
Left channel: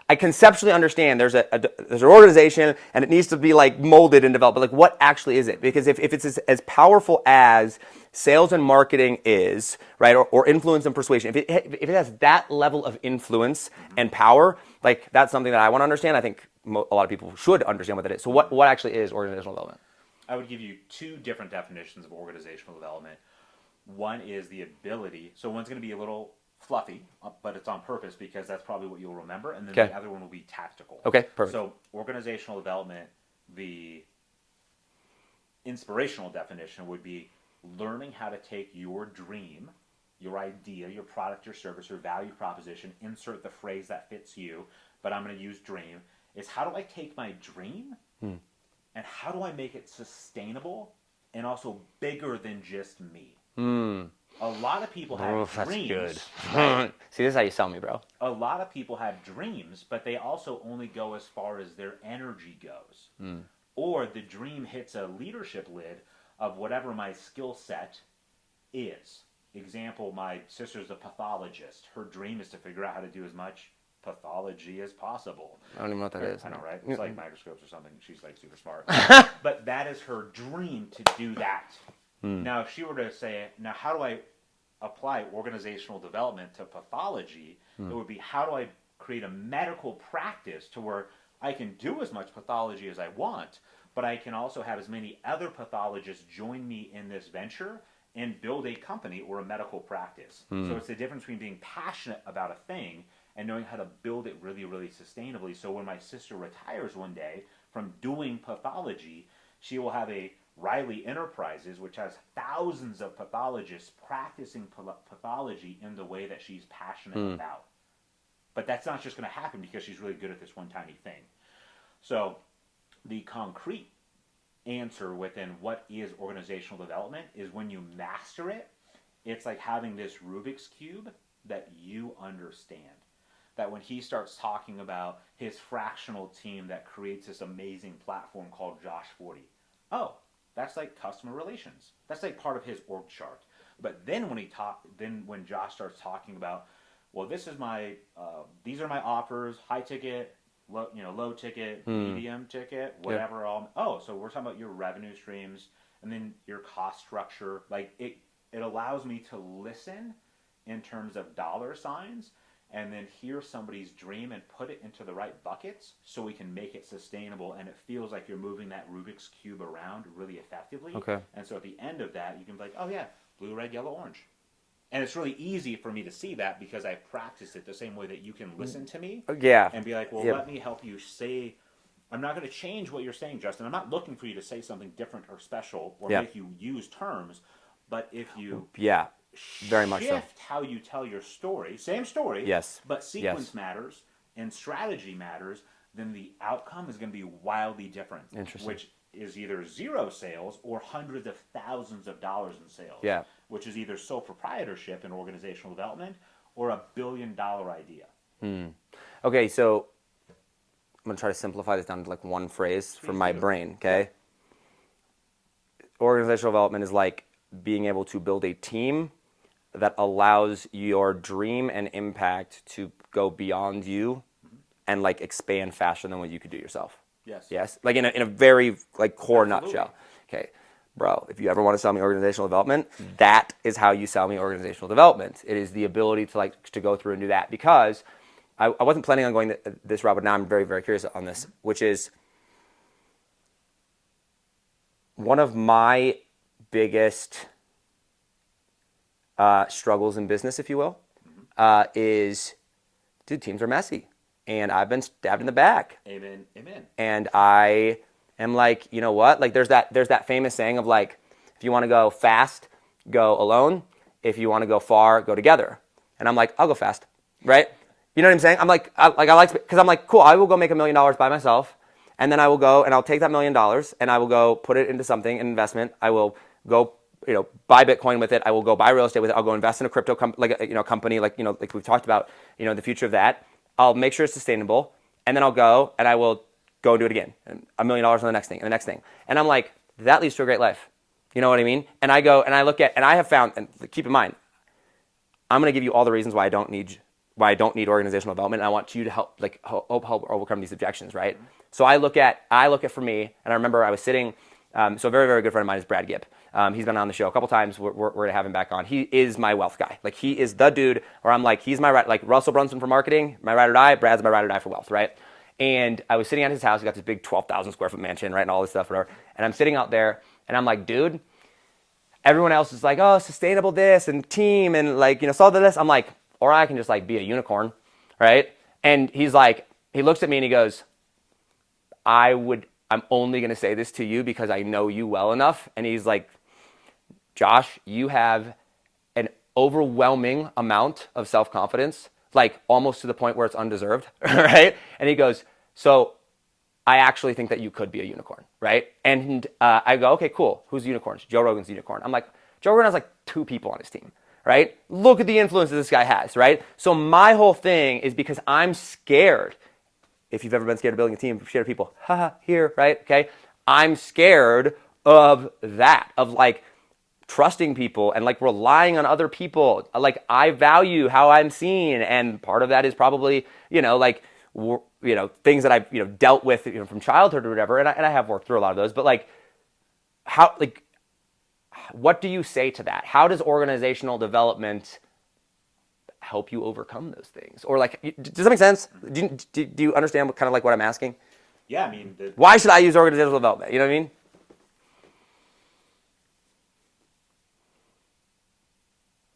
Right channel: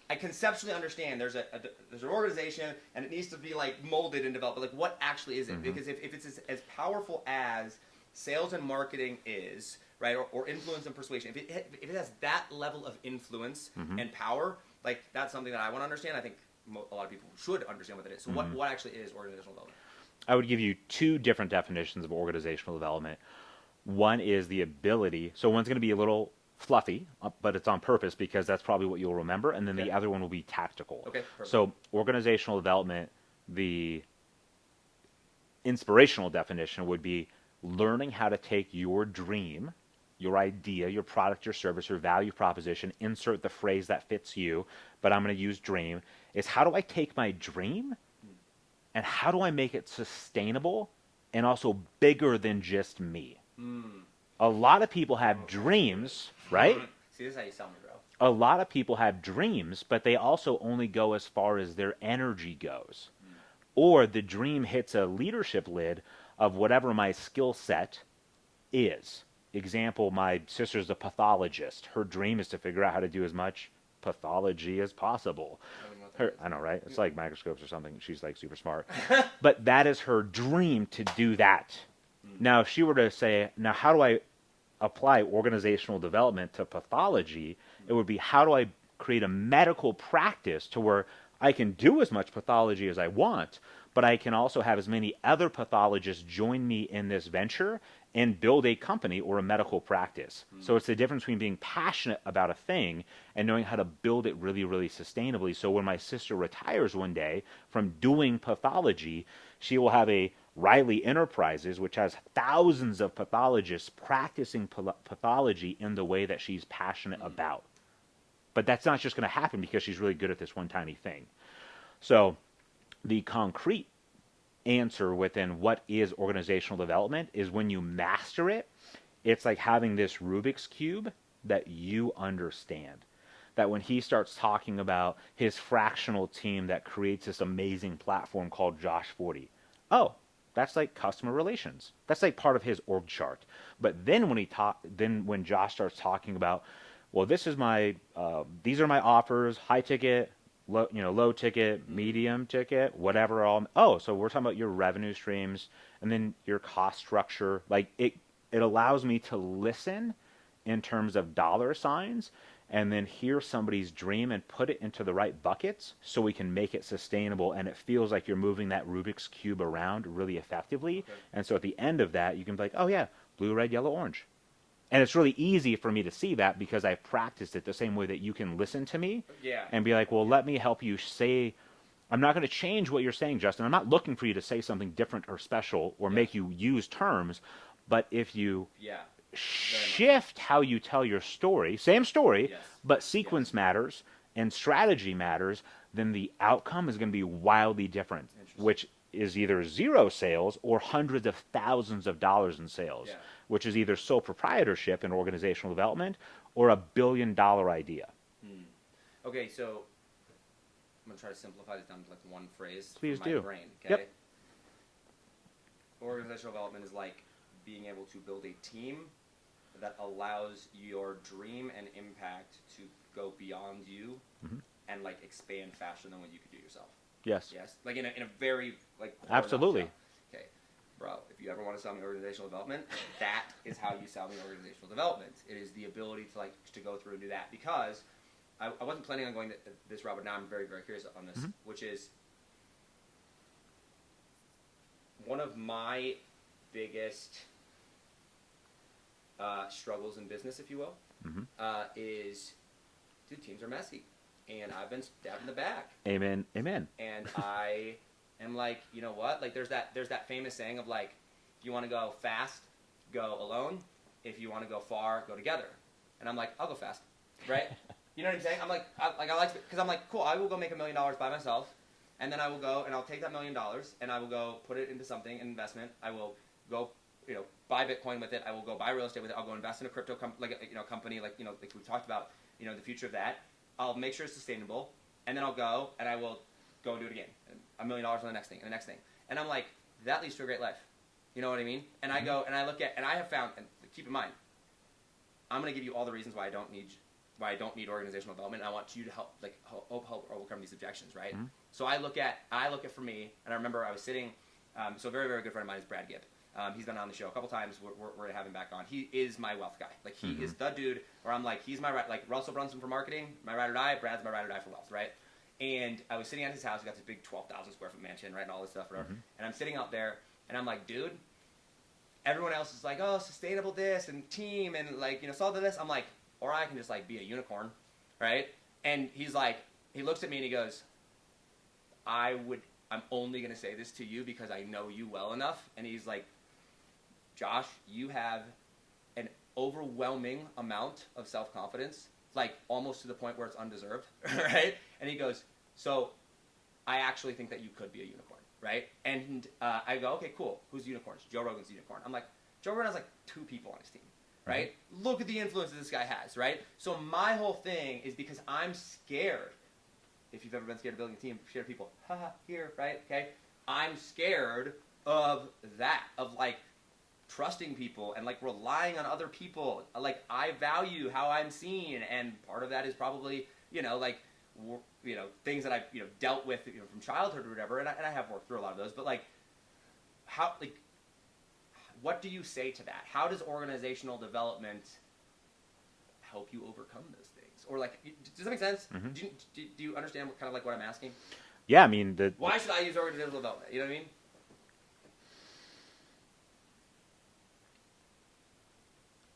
I conceptually understand there's an organization and it needs to be like molded and developed, but like what actually is it? Because if it's as powerful as sales and marketing is, right, or influence and persuasion, if it has that level of influence and power, like that's something that I want to understand. I think a lot of people should understand what that is. So what actually is organizational development? I would give you two different definitions of organizational development. One is the ability, so one's going to be a little fluffy, but it's on purpose because that's probably what you'll remember, and then Okay. the other one will be tactical. Okay, perfect. So organizational development, the inspirational definition would be learning how to take your dream, your idea, your product, your service, your value proposition, insert the phrase that fits you, but I'm going to use dream, is how do I take my dream and how do I make it sustainable and also bigger than just me? A lot of people have dreams, right? See, this is how you sell me, bro. A lot of people have dreams, but they also only go as far as their energy goes. Or the dream hits a leadership lid of whatever my skill set is. Example, my sister's a pathologist. Her dream is to figure out how to do as much pathology as possible. I don't even know what that is. I know, right? It's like microscopes or something. She's like super smart. But that is her dream to do that. Now, if she were to say, now how do I apply organizational development to pathology? It would be, how do I create a medical practice to where I can do as much pathology as I want, but I can also have as many other pathologists join me in this venture and build a company or a medical practice. So it's the difference between being passionate about a thing and knowing how to build it really, really sustainably. So when my sister retires one day from doing pathology, she will have a Riley Enterprises, which has thousands of pathologists practicing pathology in the way that she's passionate about. But that's not just going to happen because she's really good at this one tiny thing. So the concrete answer within what is organizational development is when you master it, it's like having this Rubik's Cube that you understand. That when he starts talking about his fractional team that creates this amazing platform called Josh Forti, oh, that's like customer relations. That's like part of his org chart. But then when Josh starts talking about, well, this is my, these are my offers, high ticket, low ticket, medium ticket, whatever. So we're talking about your revenue streams and then your cost structure. Like it allows me to listen in terms of dollar signs and then hear somebody's dream and put it into the right buckets so we can make it sustainable and it feels like you're moving that Rubik's Cube around really effectively. Okay. And so at the end of that, you can be like, oh yeah, blue, red, yellow, orange. And it's really easy for me to see that because I've practiced it the same way that you can listen to me. Yeah. And be like, well, let me help you say, I'm not going to change what you're saying, Justin. I'm not looking for you to say something different or special or make you use terms. But if you very much shift how you tell your story, same story, Yes. but sequence matters and strategy matters, then the outcome is going to be wildly different. Interesting. Which is either zero sales or hundreds of thousands of dollars in sales. Yeah. Which is either sole proprietorship in organizational development or $1 billion idea. Okay, so I'm going to try to simplify this down to like one phrase from my brain, okay? Yep. Organizational development is like being able to build a team that allows your dream and impact to go beyond you and like expand faster than what you could do yourself. Yes. Yes? Like in a very like core Absolutely. nutshell. Okay. Bro, if you ever want to sell me organizational development, that is how you sell me organizational development. It is the ability to go through and do that because I wasn't planning on going this route, but now I'm very, very curious on this, which is one of my biggest struggles in business, if you will, is, dude, teams are messy, and I've been stabbed in the back. Amen. Amen. And I am like, you know what? Like, there's that famous saying of like, if you want to go fast, go alone. If you want to go far, go together. And I'm like, I'll go fast, right? You know what I'm saying? I'm like, I like, because I'm like, cool. I will go make $1 million by myself, and then I will go and I'll take that $1 million and I will go put it into something, an investment. I will go, buy Bitcoin with it. I will go buy real estate with it. I'll go invest in a crypto company, like we've talked about, the future of that. I'll make sure it's sustainable, and then I'll go and I will go do it again. And $1 million on the next thing and the next thing. And I'm like, that leads to a great life. You know what I mean? And I go and I look at, and I have found, and keep in mind, I'm going to give you all the reasons why I don't need organizational development. And I want you to help overcome these objections, right? Mm-hmm. So I look at for me, and I remember I was sitting. So a very, very good friend of mine is Brad Gibb. He's been on the show a couple times. We're going to have him back on. He is my wealth guy. Like, he is the dude where I'm like, he's my right, like Russell Brunson for marketing, my ride or die. Brad's my ride or die for wealth, right? And I was sitting at his house. He got this big 12,000 square foot mansion, right, and all this stuff, whatever. And I'm sitting out there, and I'm like, dude, everyone else is like, oh, sustainable this and team and solve this. I'm like, or I can just like be a unicorn, right? And he's like, he looks at me and he goes, I'm only going to say this to you because I know you well enough. And he's like, Josh, you have an overwhelming amount of self-confidence, like almost to the point where it's undeserved, right? And he goes, so I actually think that you could be a unicorn, right? And I go, okay, cool. Who's the unicorn? Joe Rogan's the unicorn. I'm like, Joe Rogan has like 2 people on his team, right? Look at the influence that this guy has, right? So my whole thing is because I'm scared. If you've ever been scared of building a team, scared of people, here, right? Okay. I'm scared of that, of like trusting people and like relying on other people. Like, I value how I'm seen, and part of that is probably, things that I've dealt with from childhood or whatever, and I have worked through a lot of those. But like, what do you say to that? How does organizational development help you overcome those things? Or like, does that make sense? Mm-hmm. Do you understand what I'm asking? Yeah, I mean, why should I use organizational development? You know what I mean?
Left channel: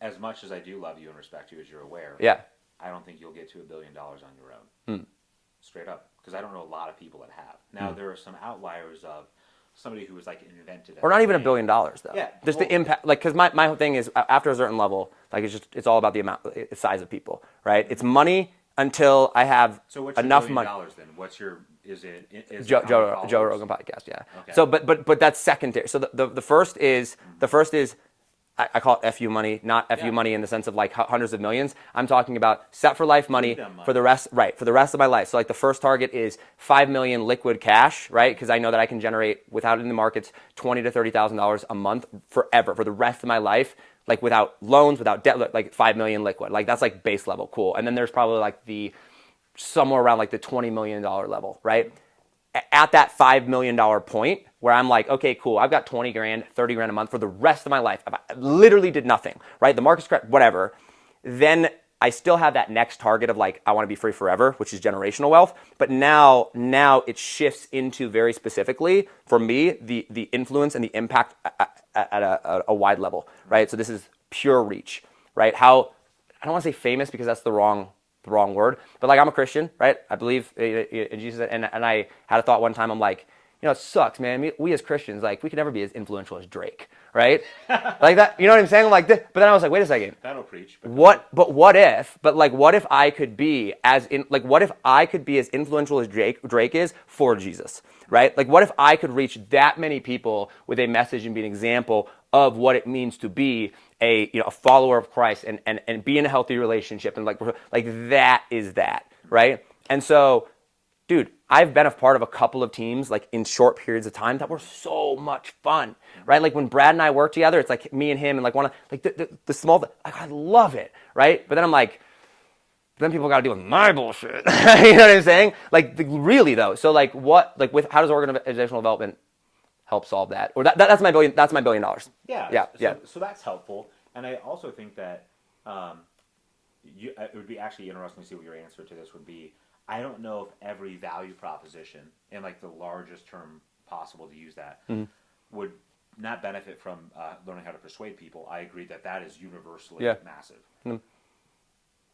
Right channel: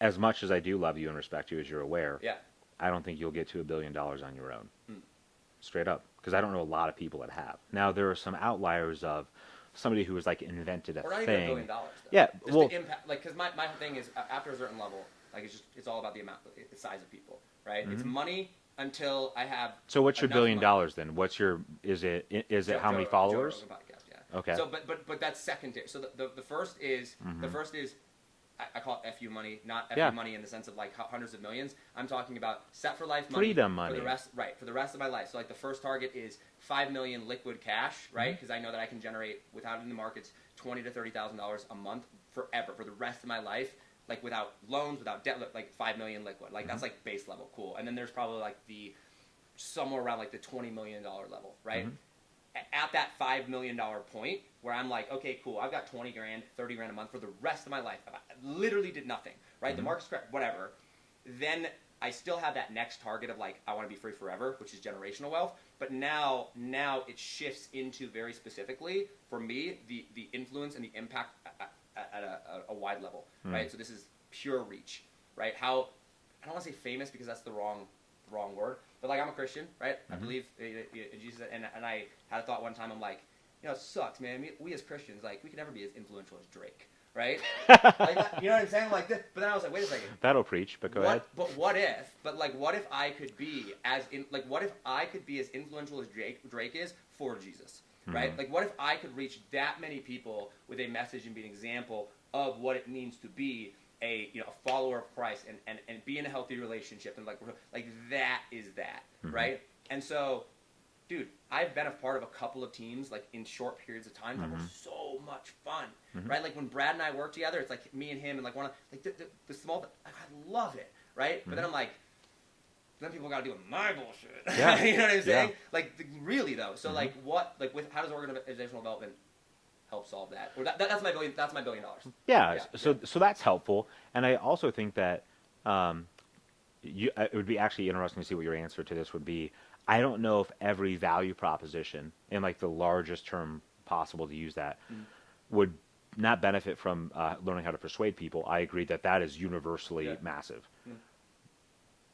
As much as I do love you and respect you, as you're aware, yeah, I don't think you'll get to $1 billion on your own. Straight up, because I don't know a lot of people that have. Now, there are some outliers of somebody who was like invented or not even $1 billion though. Yeah, just the impact. Like, because my whole thing is, after a certain level, like, it's all about the size of people, right? Mm-hmm. It's money until I have so what's your enough $1 billion money. Then? What's your Joe Rogan podcast? Yeah. Okay. So, but that's secondary. So the first is I call it FU money, not FU money in the sense of like hundreds of millions. I'm talking about set for life money for the rest, right? For the rest of my life. So like the first target is 5 million liquid cash, right? Because I know that I can generate without it in the markets $20,000 to $30,000 a month forever for the rest of my life, like without loans, without debt, like 5 million liquid. Like, that's like base level, cool. And then there's probably like somewhere around like the $20 million level, right? At that $5 million point where I'm like, okay, cool, I've got 20 grand, 30 grand a month for the rest of my life. I literally did nothing, right? The market's correct, whatever. Then I still have that next target of like, I want to be free forever, which is generational wealth. But now it shifts into very specifically, for me, the influence and the impact at a wide level, right? So this is pure reach, right? I don't want to say famous because that's the wrong word, but like, I'm a Christian, right? I believe in Jesus, and I had a thought one time. I'm like, it sucks, man. We as Christians, like, we could never be as influential as Drake, right? Like that, you know what I'm saying? I'm like this, but then I was like, wait a second. That'll preach. But what if I could be as influential as Drake is for Jesus, right? Mm-hmm. Like, what if I could reach that many people with a message and be an example of what it means to be a follower of Christ and be in a healthy relationship, and like that is that, right? And so, dude, I've been a part of a couple of teams like in short periods of time that were so much fun, right? Like when Brad and I work together, it's like me and him and like one of like the small, like, I love it, right? But then I'm like, then people got to deal with my bullshit. You know what I'm saying? Yeah. Like, really though. So like, how does organizational development help solve that? Or that's my $1 billion. Yeah. So that's helpful. And I also think that it would be actually interesting to see what your answer to this would be. I don't know if every value proposition, in like the largest term possible to use that, would not benefit from learning how to persuade people. I agree that that is universally massive.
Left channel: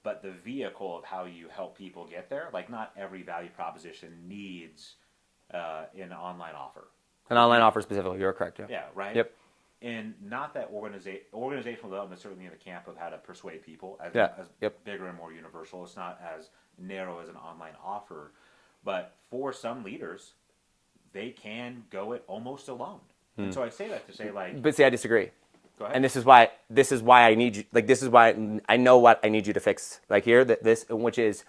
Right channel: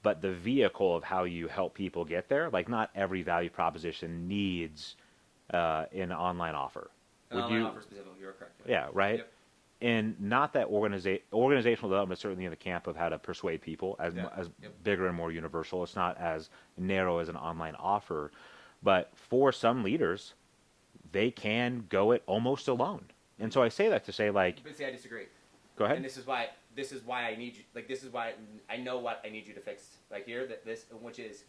But the vehicle of how you help people get there, like not every value proposition needs an online offer. An online offer specifically, you're correct. Yeah, right? Yep. And not that organizational development is certainly in the camp of how to persuade people as bigger and more universal. It's not as narrow as an online offer. But for some leaders, they can go it almost alone. And so I say that to say, like... But see, I disagree. Go ahead. And this is why I need you, like, this is why I know what I need you to fix. Like here, which is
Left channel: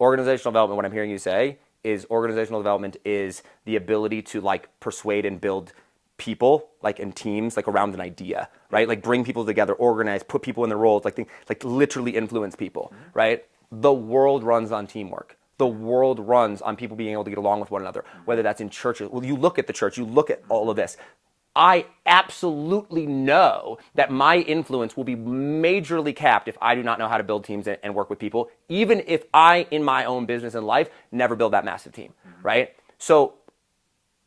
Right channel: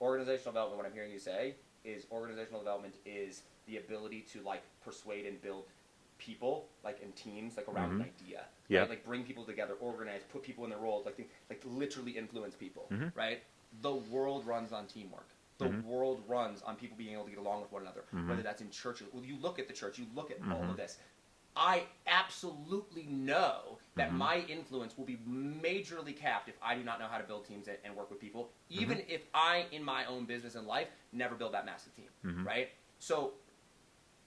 organizational development, what I'm hearing you say is organizational development is the ability to, like, persuade and build people, like, in teams, like, around an idea, right? Like, bring people together, organize, put people in their roles, like literally influence people, right? The world runs on teamwork. The world runs on people being able to get along with one another, whether that's in churches. Well, you look at the church, you look at all of this. I absolutely know that my influence will be majorly capped if I do not know how to build teams and work with people, even if I, in my own business and life, never build that massive team, right? So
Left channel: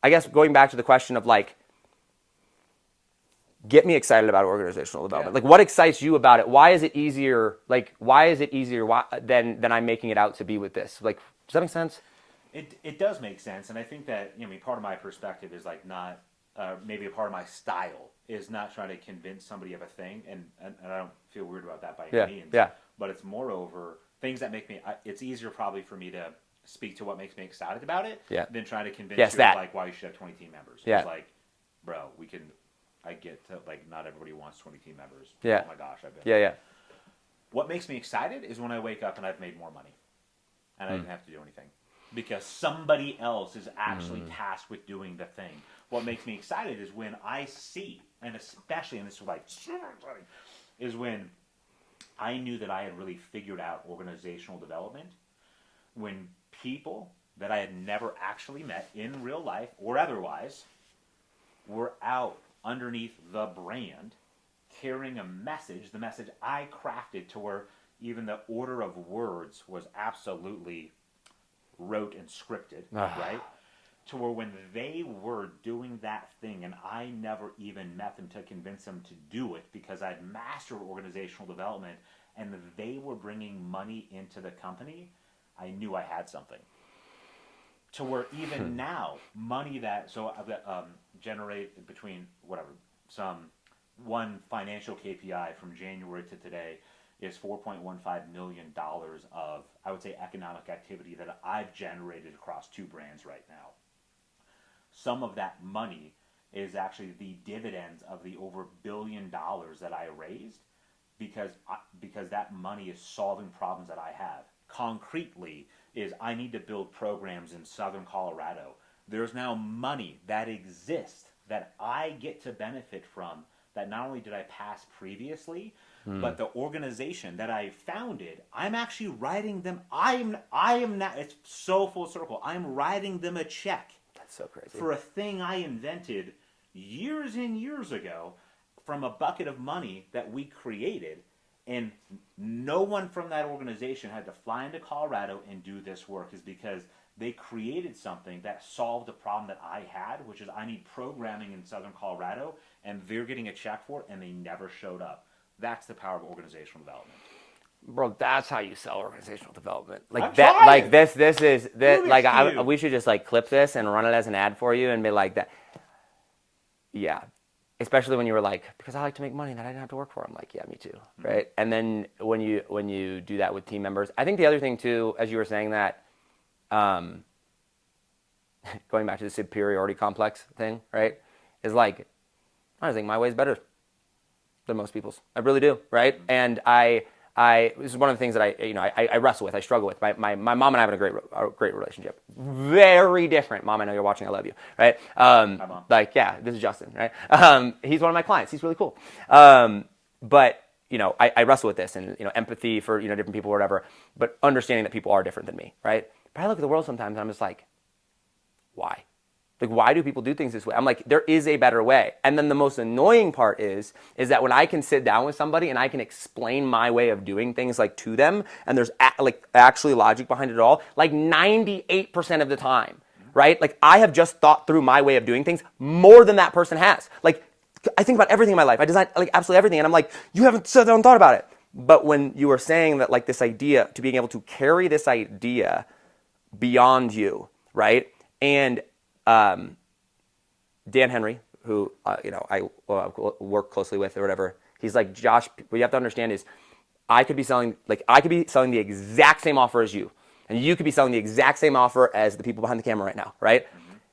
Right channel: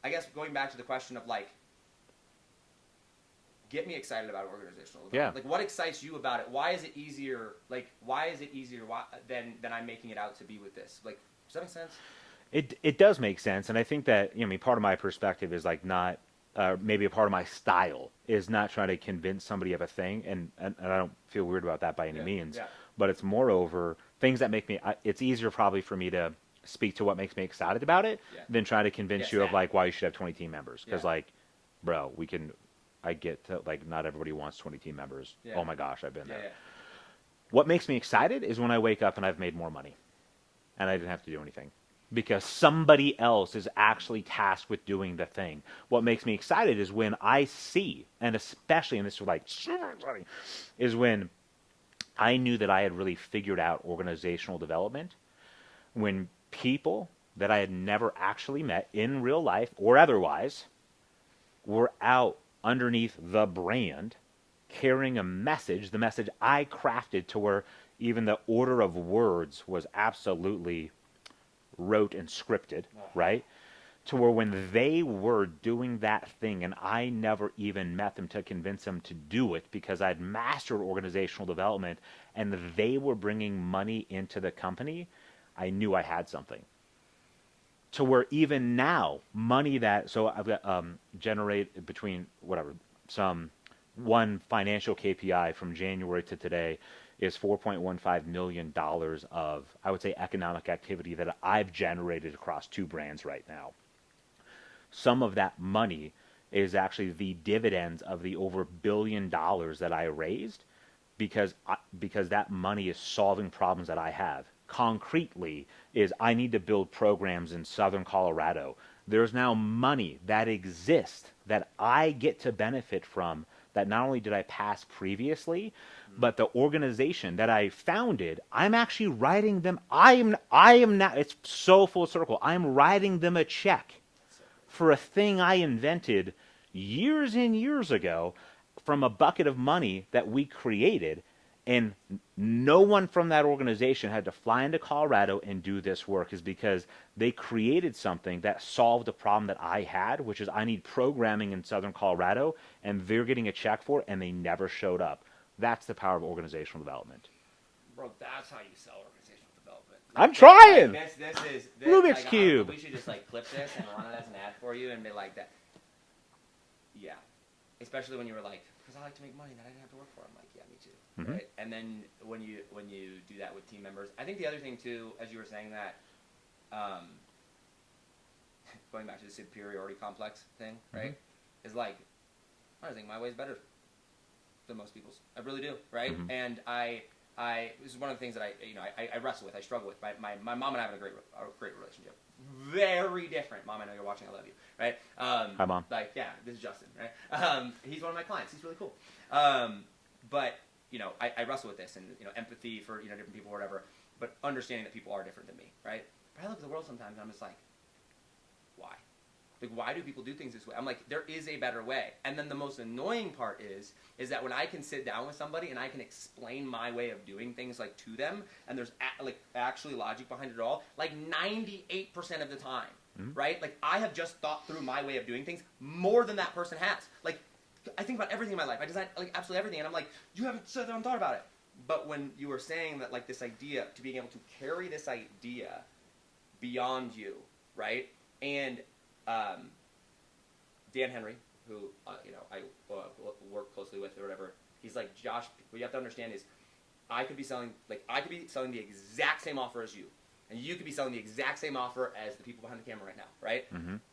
I guess going back to the question of, like, get me excited about organizational development. Like, what excites you about it? Why is it easier? Like, than I'm making it out to be with this? Like, does that make sense? It does make sense. And I think that, I mean, part of my perspective is, like, not... maybe a part of my style is not trying to convince somebody of a thing, and I don't feel weird about that by any means. Yeah. But it's moreover things that make me. It's easier probably for me to speak to what makes me excited about it than try to convince you of, like, why you should have 20 team members. Because like, bro, I get to, like, not everybody wants 20 team members. Oh my gosh, I've been. Yeah. What makes me excited is when I wake up and I've made more money, and I didn't have to do anything. Because somebody else is actually tasked with doing the thing. What makes me excited is when I see, and especially, and this is like super exciting, is when I knew that I had really figured out organizational development. When people that I had never actually met in real life or otherwise were out underneath the brand carrying a message, the message I crafted to where even the order of words was absolutely wrote and scripted, right? To where when they were doing that thing and I never even met them to convince them to do it because I'd mastered organizational development and they were bringing money into the company, I knew I had something. To where even now, money that, so I've got generate between one financial KPI from January to today is $4.15 million of, I would say, economic activity that I've generated across 2 brands right now. Some of that money is actually the dividends of the over $1 billion that I raised because that money is solving problems that I have. Concretely is I need to build programs in Southern Colorado. There's now money that exists that I get to benefit from that not only did I pass previously, but the organization that I founded, I'm actually writing them. I am now. It's so full circle. I'm writing them a check. That's so crazy. For a thing I invented years and years ago, from a bucket of money that we created, and no one from that organization had to fly into Colorado and do this work, is because they created something that solved a problem that I had, which is I need programming in Southern Colorado, and they're getting a check for it, and they never showed up. That's the power of organizational development. Bro, that's how you sell organizational development. Like, I'm trying. Like this is like we should just, like, clip this and run it as an ad for you and be like that. Yeah. Especially when you were like, because I like to make money that I didn't have to work for. I'm like, yeah, me too, right? And then when you do that with team members, I think the other thing too, as you were saying that, going back to the superiority complex thing, right? Is like, I think my way is better than most people's. I really do, right? And this is one of the things that I wrestle with, I struggle with. My mom and I have a great relationship. Very different. Mom, I know you're watching. I love you, right? Hi, Mom. Like, yeah, this is Justin, right? He's one of my clients. He's really cool. But, I wrestle with this and, empathy for, different people or whatever, but understanding that people are different than me, right? But I look at the world sometimes and I'm just like, why? Like, why do people do things this way? I'm like, there is a better way. And then the most annoying part is that when I can sit down with somebody and I can explain my way of doing things, like, to them, and there's actually logic behind it all, like 98% of the time, right? Like I have just thought through my way of doing things more than that person has. Like I think about everything in my life. I design like absolutely everything. And I'm like, you haven't sat down and thought about it. But when you were saying that like this idea, to being able to carry this idea beyond you, right? And Dan Henry, who I work closely with or whatever, he's like, Josh, what you have to understand is I could be selling the exact same offer as you. And you could be selling the exact same offer as the people behind the camera right now, right?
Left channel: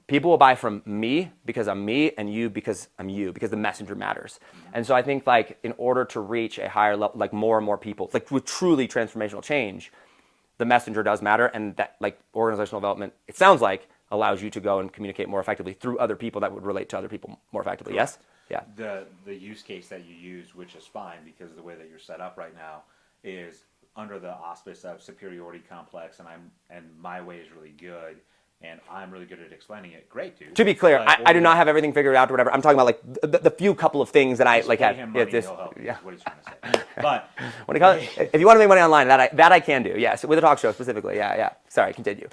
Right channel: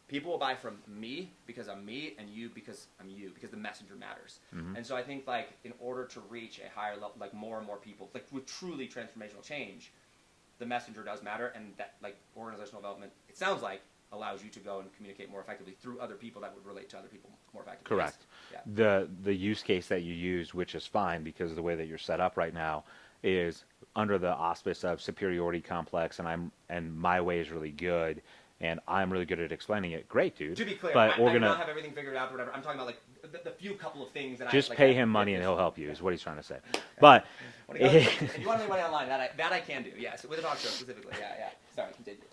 People will buy from me because I'm me, and you because I'm you, because the messenger matters. And so I think like in order to reach a higher level, like more and more people, like with truly transformational change, the messenger does matter, and that like organizational development, it sounds like, allows you to go and communicate more effectively through other people that would relate to other people more effectively. Correct. Yes? Yeah. The use case that you used, which is fine because the way that you're set up right now is under the auspice of superiority complex, and my way is really good, and I'm really good at explaining it. Great, dude. To be clear, I do not have everything figured out or whatever. I'm talking about like the few couple of things that I like. Pay him money and he'll help you. Yeah. Is what he's trying to say. But when it comes, if you want to make money online, that I can do. Yes, with a talk show specifically. Yeah. Sorry, continue.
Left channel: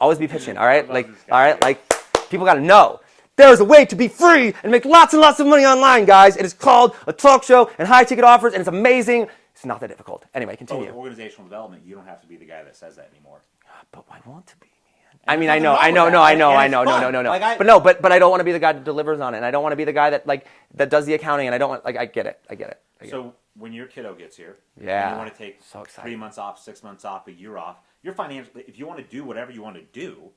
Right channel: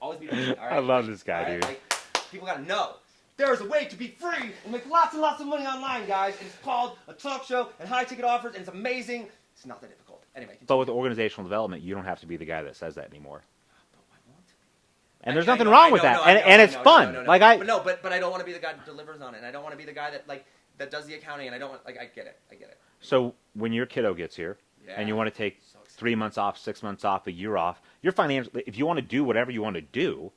Always be pitching. All right, I love this guy, all right, dude. like people got to know. There's a way to be free and make lots and lots of money online, guys. It is called a talk show and high ticket offers, and it's amazing. It's not that difficult. Anyway, continue. But with organizational development, you don't have to be the guy that says that anymore. But I want to be. And I there's know. nothing wrong with that. I And know. it's fun. No. Like but I don't want to be the guy that delivers on it, and I don't want to be the guy that like that does the accounting, and I don't want I get it. So when your kiddo gets here, Yeah. and you want to take So excited. 3 months off, 6 months off, a year off, you're financially. If you want to do whatever you want to do,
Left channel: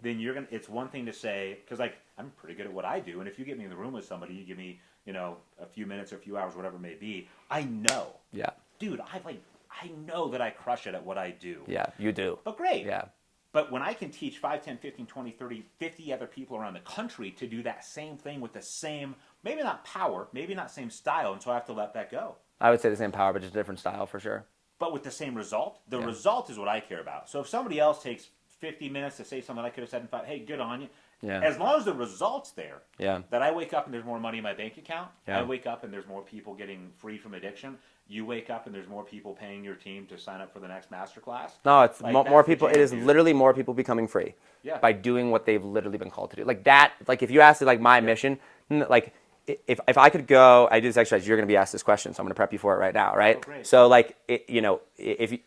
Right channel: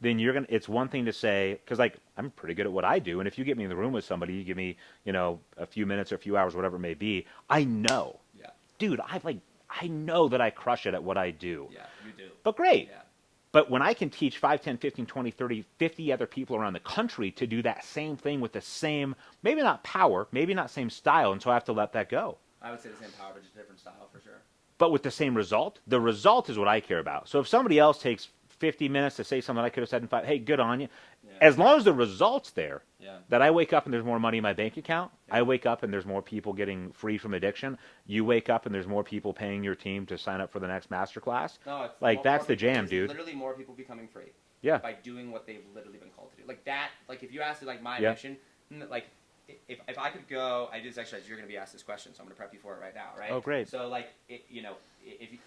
then you're gonna. It's one thing to say, because like I'm pretty good at what I do, and if you get me in the room with somebody, you give me a few minutes or a few hours, whatever it may be, I know. Yeah. Dude, I know that I crush it at what I do. Yeah, you do. But great. Yeah. But when I can teach 5, 10, 15, 20, 30, 50 other people around the country to do that same thing with the same, maybe not power, maybe not same style, and so I have to let that go. I would say the same power, but just a different style for sure. But with the same result, the result is what I care about. So if somebody else takes 50 minutes to say something I could have said in 5, hey, good on you. Yeah. As long as the result's there, Yeah. that I wake up and there's more money in my bank account, Yeah. I wake up and there's more people getting free from addiction, you wake up and there's more people paying your team to sign up for the next masterclass. No, it's like, more that's the people. jam, It is dude. literally more people becoming free. Yeah. By doing what they've literally been called to do. Like that. Like if you asked it, like my mission, like if I could go, I do this exercise. You're going to be asked this question, so I'm going to prep you for it right now, right? Oh, great. So like if you,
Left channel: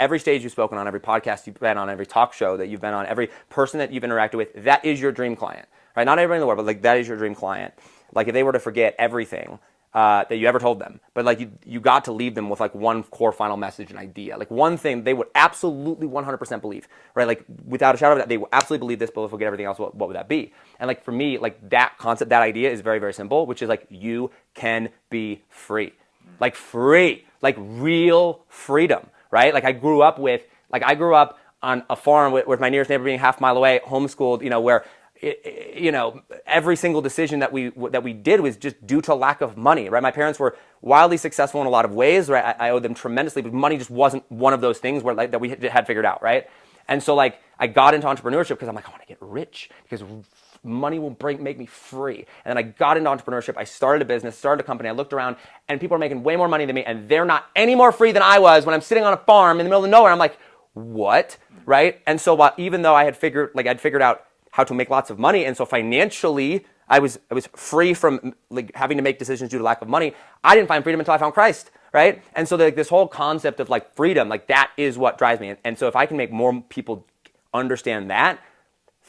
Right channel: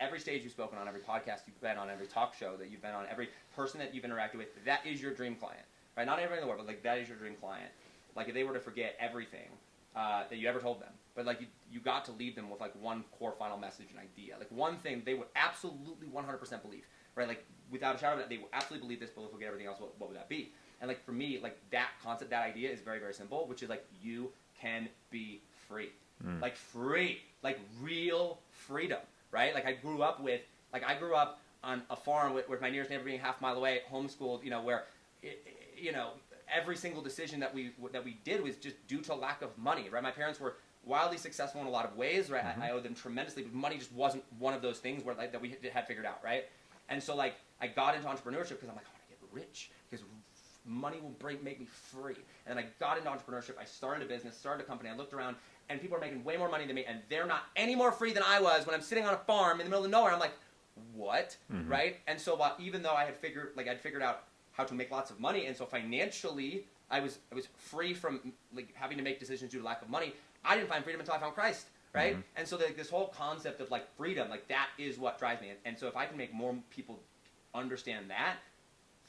every stage you've spoken on, every podcast you've been on, every talk show that you've been on, every person that you've interacted with, that is your dream client, right? Not everybody in the world, but like that is your dream client. Like if they were to forget everything that you ever told them, but like you got to leave them with like one core final message and idea, like one thing they would absolutely 100% believe, right? Like without a shadow of a doubt, they will absolutely believe this, but if we forget everything else, what would that be? And like for me, like that concept, that idea is very, very simple, which is like you can be free, like free, like real freedom, right? Like I grew up on a farm with my nearest neighbor being half a mile away, homeschooled, where every single decision that we did was just due to lack of money, right? My parents were wildly successful in a lot of ways, right? I owe them tremendously, but money just wasn't one of those things where like that we had figured out, right? And so like I got into entrepreneurship because I'm like, I want to get rich because money will make me free. And then I got into entrepreneurship. I started a business, started a company. I looked around, and people are making way more money than me, and they're not any more free than I was when I'm sitting on a farm in the middle of nowhere. I'm like, what, right? And so even though I'd figured out how to make lots of money, and so financially I was free from like having to make decisions due to lack of money, I didn't find freedom until I found Christ, right? And so like this whole concept of like freedom, like that is what drives me. And so if I can make more people understand that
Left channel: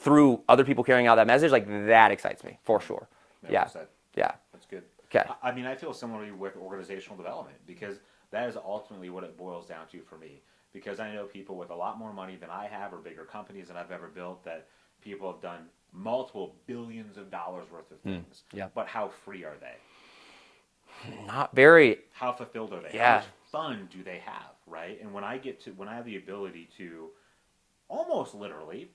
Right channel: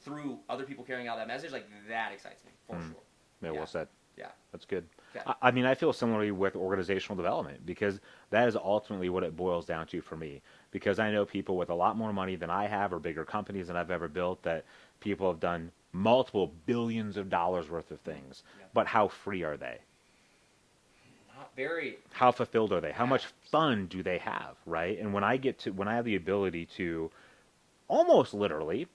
through other people carrying out that message, like that excites me for sure. Yeah. Well said. Yeah. That's good. Okay. I mean, I feel similarly with organizational development because that is ultimately what it boils down to for me. Because I know people with a lot more money than I have or bigger companies than I've ever built that people have done multiple billions of dollars worth of things. Yeah. But how free are they? Not very. How fulfilled are they? Yeah. How much fun do they have, right? And when I have the ability to almost literally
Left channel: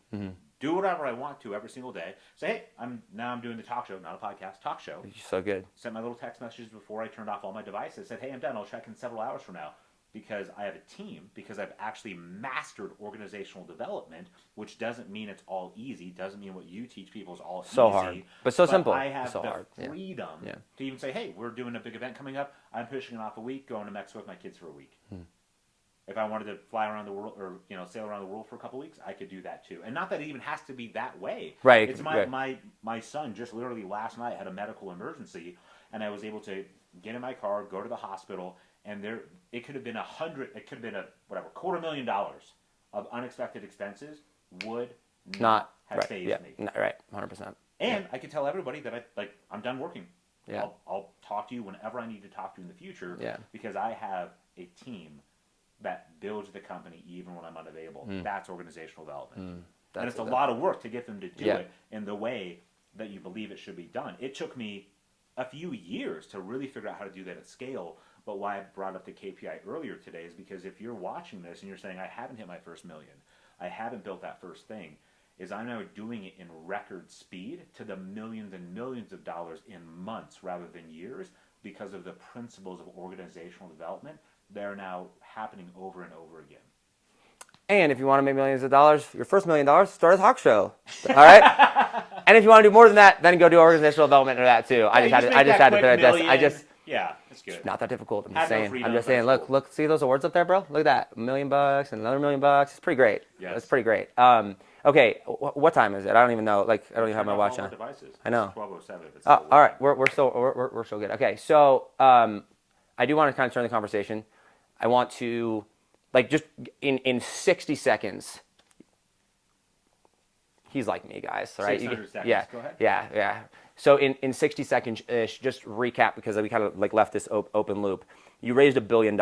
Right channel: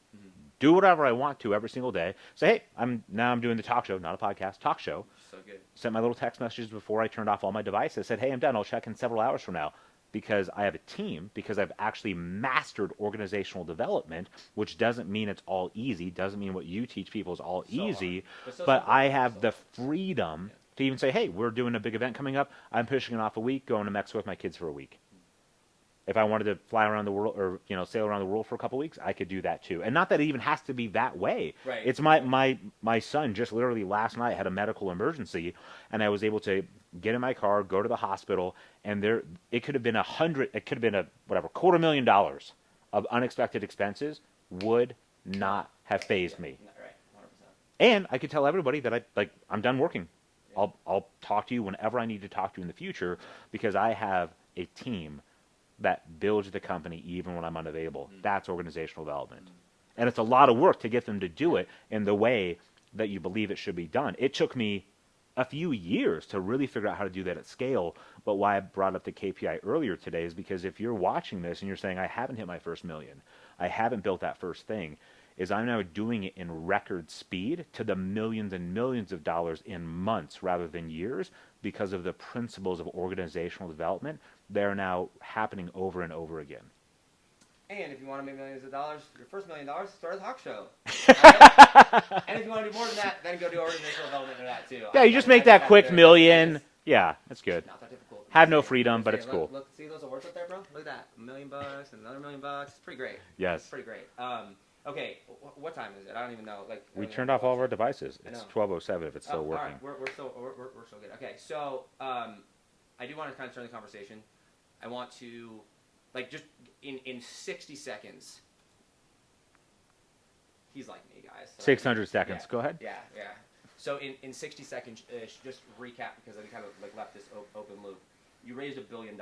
do whatever I want to every single day. Say, hey, I'm doing the talk show, not a podcast, talk show. So good. Sent my little text messages before I turned off all my devices. Said, hey, I'm done. I'll check in several hours from now. Because I have a team, because I've actually mastered organizational development, which doesn't mean it's all easy, doesn't mean what you teach people is all So easy. hard. But so simple. I have So the hard. freedom Yeah. to even say, hey, we're doing a big event coming up. I'm pushing it off a week, going to Mexico with my kids for a week. If I wanted to fly around the world or sail around the world for a couple weeks, I could do that too. And not that it even has to be that way. Right. It's my son just literally last night had a medical emergency, and I was able to get in my car, go to the hospital, and it could have been $250,000 of unexpected expenses would not have right, phased me. Right, 100%. And I could tell everybody that I'm done working. Yeah. I'll talk to you whenever I need to talk to you in the future, Yeah. because I have a team that builds the company even when I'm unavailable. That's organizational development. And it's a lot of work to get them to do it in the way that you believe it should be done. It took me a few years to really figure out how to do that at scale. But why I brought up the KPI earlier today is because if you're watching this and you're saying, I haven't hit my first million, I haven't built that first thing, is I'm now doing it in record speed to the millions and millions of dollars in months rather than years, because of the principles of organizational development. They're now happening over and over again. And if you want to make millions of dollars, your first $1 million, start a talk show. All right? And if you want to do more than that, then go do organizational development or that too. Yeah, you just make that quick million. Yeah, that's good. Not that difficult. Have no freedom, I'm just but saying, it's cool. look, see those awards up there, bro? Look at that. $1 million and another $1 million. It's pretty great. Yes. It's pretty great. Okay, what time is it? I don't even know. Like, I don't even have my watch all our on. devices. I know. It's 12:07 if it's still working. All right, we're still good. Okay, so I do want to kind of turn the conversation. I want to, like, just in 60 seconds. He's like me, guys. Right? 600 seconds. Yeah, Go ahead. Yeah. So in 60 seconds-ish, just recap, because we kind of like left this open loop. You raised $1 billion.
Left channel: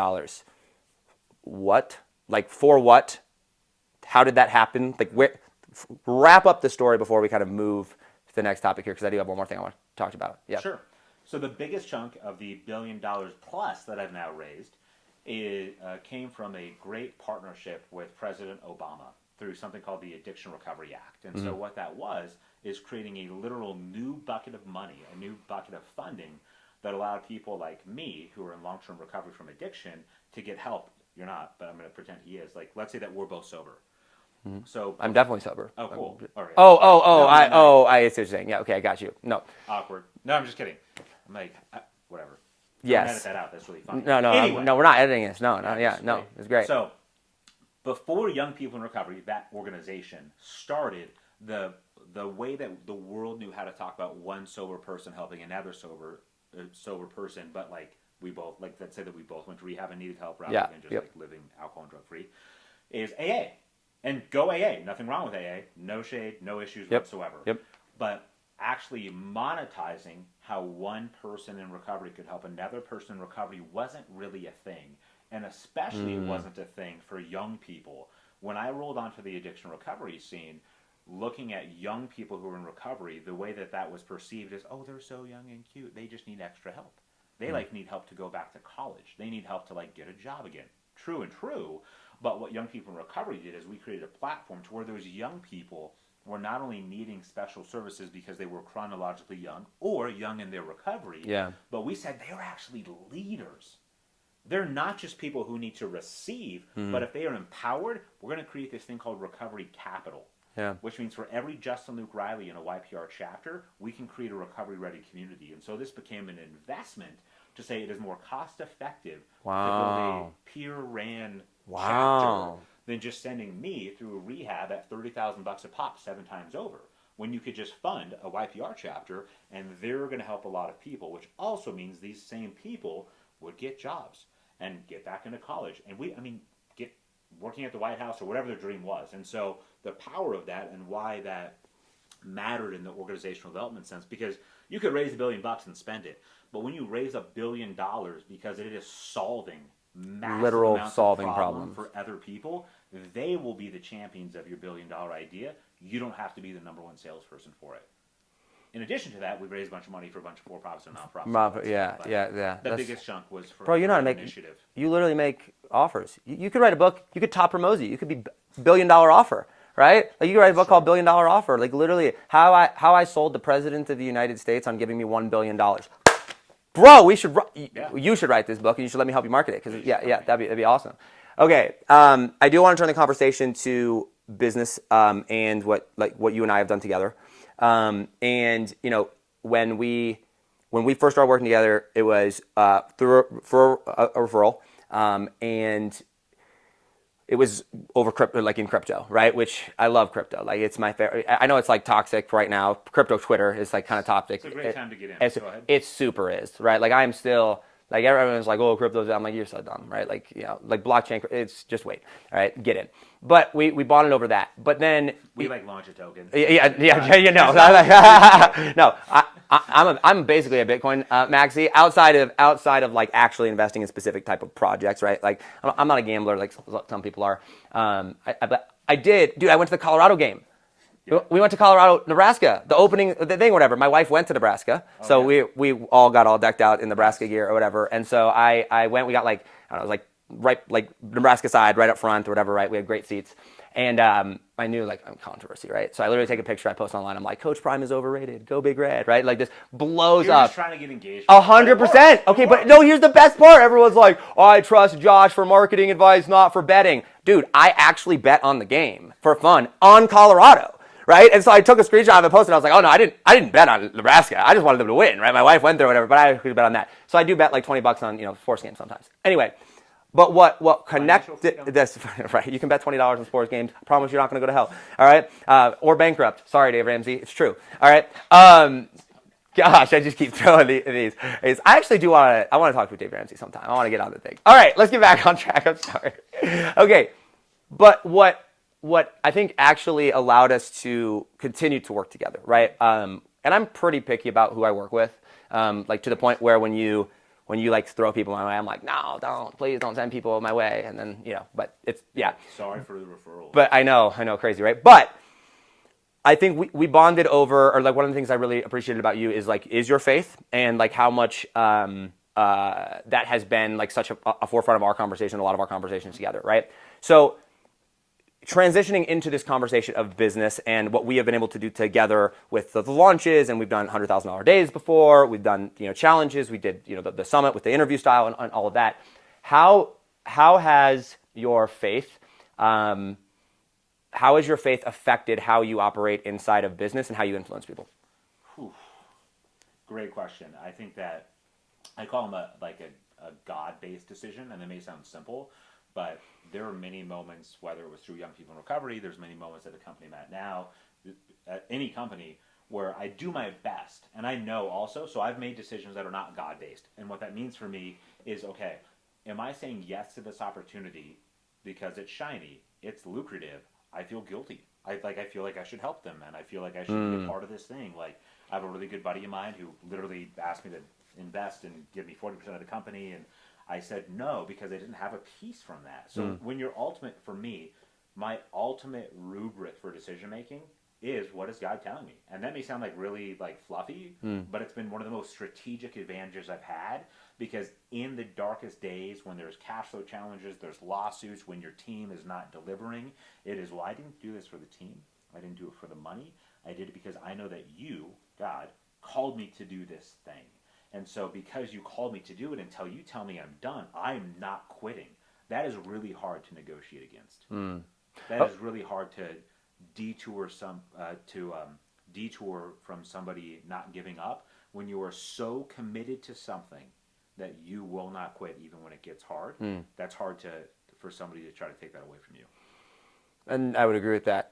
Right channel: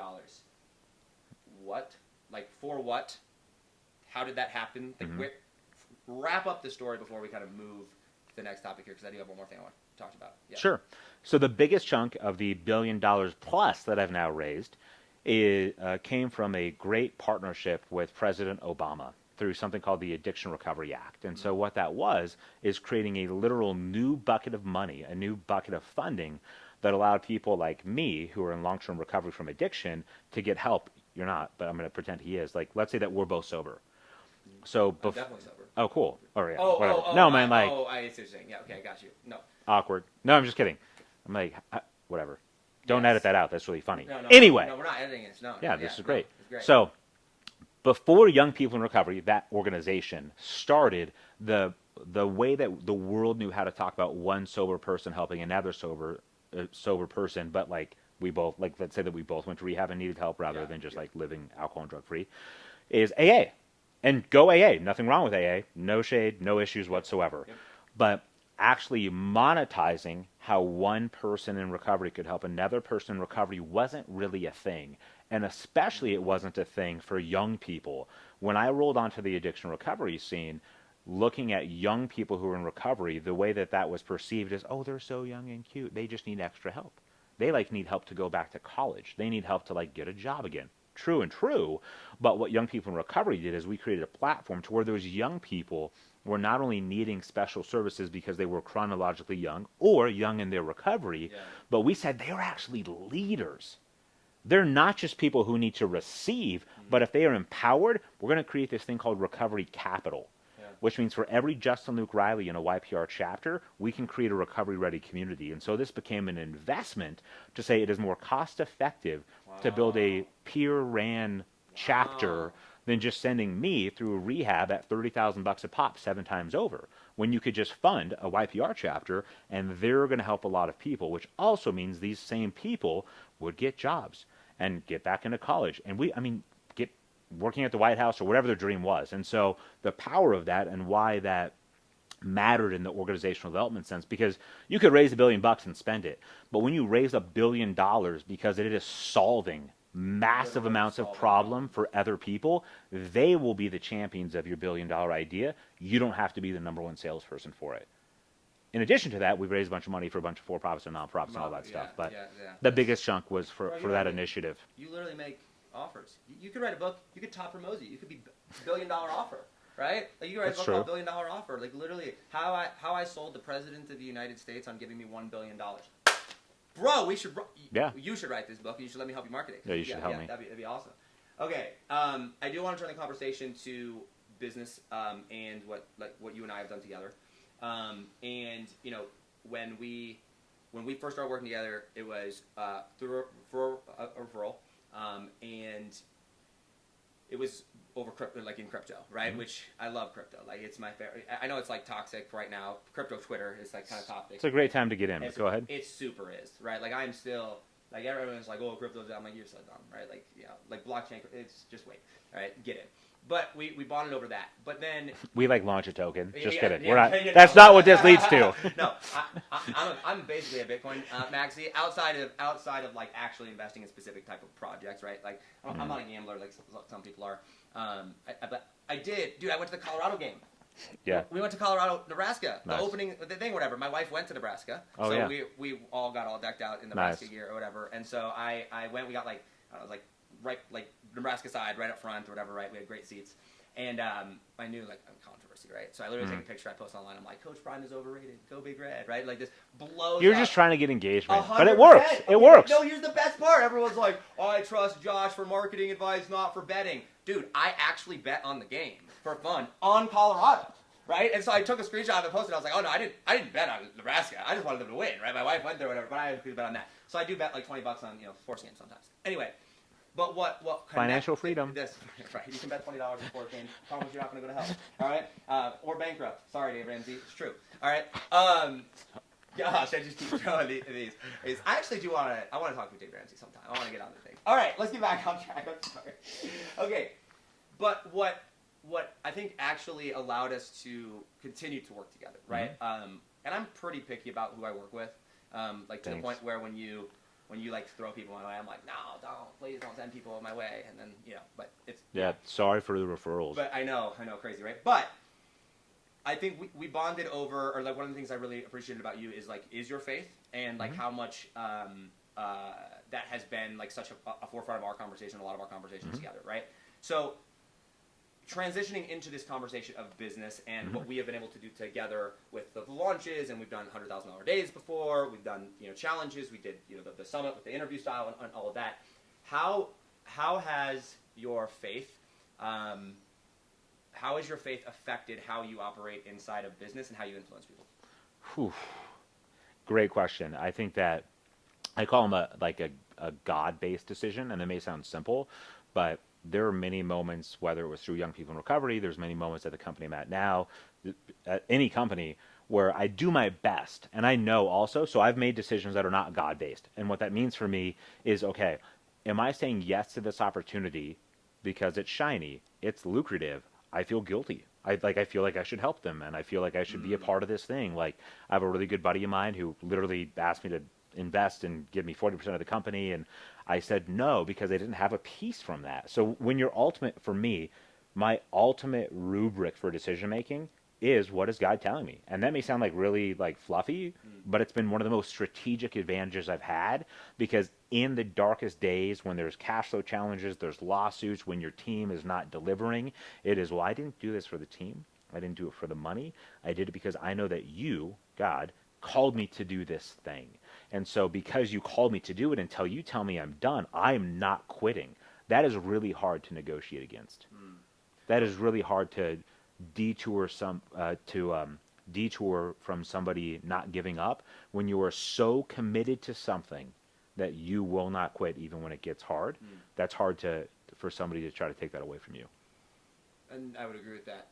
What? Like, for what? How did that happen? Like, wrap up the story before we kind of move to the next topic here, because I do have one more thing I want to talk about. Yeah. Sure. So the biggest chunk of the $1 billion plus that I've now raised came from a great partnership with President Obama through something called the Addiction Recovery Act. And so what that is creating a literal new bucket of money, a new bucket of funding that allowed people like me who are in long-term recovery from addiction to get help. You're not, but I'm going to pretend he is. Like, let's say that we're both sober. So I'm definitely sober. Oh, cool. All right. I see what you're saying. Yeah, okay, I got you. No. Awkward. No, I'm just kidding. I'm like, whatever. Don't edit that out. That's really funny. No. Anyway. No, we're not editing this. No. It's great. So, before Young People in Recovery, that organization started the way that the world knew how to talk about one sober person helping another sober person, but like we both, like, let's say that we both went to rehab and needed help rather than just like living alcohol and drug free, is AA. And go AA. Nothing wrong with AA. No shade, no issues whatsoever. Yep. But actually monetizing how one person in recovery could help another person in recovery wasn't really a thing. And especially it wasn't a thing for young people. When I rolled onto the addiction recovery scene, looking at young people who are in recovery, the way that was perceived is, oh, they're so young and cute. They just need extra help. They need help to go back to college. They need help to get a job again. True. But what Young People in Recovery did is we created a platform to where those young people were not only needing special services because they were chronologically young or young in their recovery, but we said they are actually leaders. They're not just people who need to receive, but if they are empowered, we're going to create this thing called recovery capital, which means for every Justin Luke Riley in a YPR chapter, we can create a recovery-ready community. And so this became an investment to say it is more cost-effective to build a peer-ran chapter than just sending me through rehab at $30,000 a pop 7 times over, when you could just fund a YPR chapter and they're going to help a lot of people, which also means these same people would get jobs and get back into college. And get working at the White House or whatever their dream was. And so the power of that and why that mattered in the organizational development sense, because you could raise $1 billion and spend it, but when you raise $1 billion because it is solving massive amounts of problem for other people, they will be the champions of your $1 billion idea. You don't have to be the number one salesperson for it. In addition to that, we've raised a bunch of money for a bunch of for-profits and non-profits. The biggest chunk was for that initiative. You literally make offers. You could write a book. You could top promote. You could be $1 billion offer, right? Like, you could write a book called $1 billion offer. Like, literally, how I sold the President of the United States on giving me $1 billion. Bro, you should write this book, and you should let me help you market it. Cause that'd be awesome. Okay, I do want to turn the conversation to business and what you and I have done together. And when we first started working together, it was for a referral. And it was over crypto, like in crypto, right? Which I love crypto. Like it's my favorite. I know it's like toxic right now. Crypto Twitter is like kind of toxic. It's a great time to get in. Go ahead. It super is, right? Like I'm still like everyone's like, oh, crypto's. I'm like, you're so dumb, right? Like like blockchain. It's just wait, all right, get it. But we bonded over that. But then we like launch a token. No, no. I'm basically a Bitcoin maxi outside of like actually investing in specific type of projects, right? Like I'm not a gambler like some people are. I did, dude. I went to the Colorado game. Yeah. We went to Colorado, Nebraska, the opening, the thing, whatever. My wife went to Nebraska, so we all got all decked out in Nebraska gear or whatever. And so I went. We got like I don't know, it was like right like Nebraska side, right up front or whatever. Right, we had great seats. And I knew like I'm controversy, right? So I literally take a picture, I post online. I'm like, Coach Prime is overrated. Go Big Red, right? Like this blows You're up. You're just trying to get engaged. 100%. Okay, but no, here's the best part. Everyone's like, oh, I trust Josh for marketing advice, not for betting. Dude, I actually bet on the game for fun on Colorado. Right, and so I took a screenshot of it, posted. I was like, "Oh no, I didn't bet on Nebraska. I just wanted them to win." Right, my wife went there, or whatever, but I actually bet on that. So I do bet like $20 on sports games sometimes. Anyway, but what connected this right? You can bet $20 on sports games. I promise you're not going to go to hell. All right, or bankrupt. Sorry, Dave Ramsey, it's true. All right. Gosh, I just keep throwing these. I actually do want to talk to Dave Ramsey sometime. I want to get on the thing. All right, let's get back on track. I'm sorry. Okay, but what I think actually allowed us to continue to work together, right? And I'm pretty picky about who I work with, like to the point where when you like throw people my way, I'm like, no, please don't send people my way. And then, but it's, yeah. Sorry for the referrals. But I know, crazy, right? But I think we bonded over, or like one of the things I really appreciated about you is your faith and like how much that has been like such a forefront of our conversation, a lot of our conversations together, right? So transitioning into this conversation of business and what we have been able to do together with the launches, and we've done $100,000 days before, we've done challenges, we did the summit with the interview style and all of that. How has your faith affected how you operate inside of business and how you influence people? Whew. Great question. I think that I call them a God-based decision, and it may sound simple, but there are many moments, whether it was through Young People in Recovery, there's many moments at the company I'm at now, at any company, where I do my best. And I know also, so I've made decisions that are not God-based. And what that means for me is, okay, am I saying yes to this opportunity because it's shiny, it's lucrative, I feel guilty. I feel like I should help them, and I feel like I should be a part of this thing. Like, I have a really good buddy of mine who literally asked me to invest and give me 40% of the company, and I said no because I didn't have a piece from that. So when for me, my ultimate rubric for decision making is, what is God telling me? And that may sound like really like fluffy, but it's been one of the most strategic advantages I've had, because in the darkest days when there's cash flow challenges, there's lawsuits, when your team is not delivering, it is, well, I didn't do this for the team. I didn't do it for the money. I did it because I know that you, God, called me to do this thing. And so because you called me to do it, until you tell me I'm done, I'm not quitting. That is really hard to negotiate against. That is really hard to detour from somebody not giving up when you are so committed to something that you will not quit even when it gets hard. That's hard for somebody to try to take that away from you. And I would agree with that.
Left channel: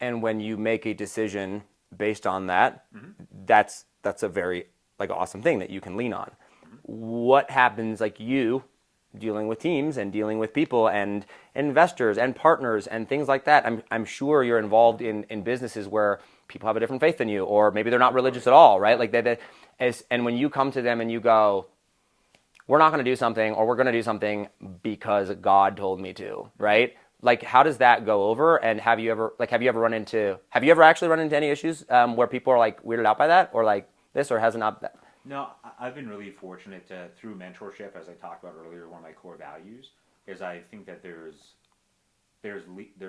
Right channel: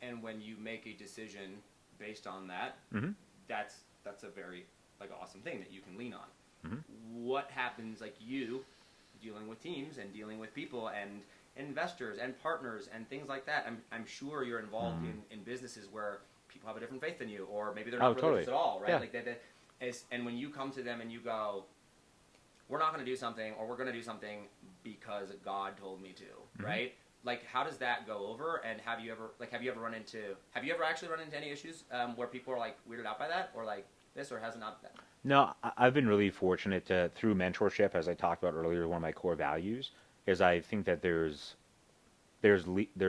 And when you make a decision based on that, that's a very like awesome thing that you can lean on. What happens, like you dealing with teams and dealing with people and investors and partners and things like that? I'm sure you're involved in businesses where people have a different faith than you, or maybe they're not religious at all, right? Yeah. Like and when you come to them and you go, we're not going to do something, or we're going to do something because God told me to, right? Like, how does that go over? And have you ever actually run into any issues where people are like weirded out by that, or like this, or hasn't not that? No, I've been really fortunate through mentorship, as I talked about earlier. One of my core values is, I think that there's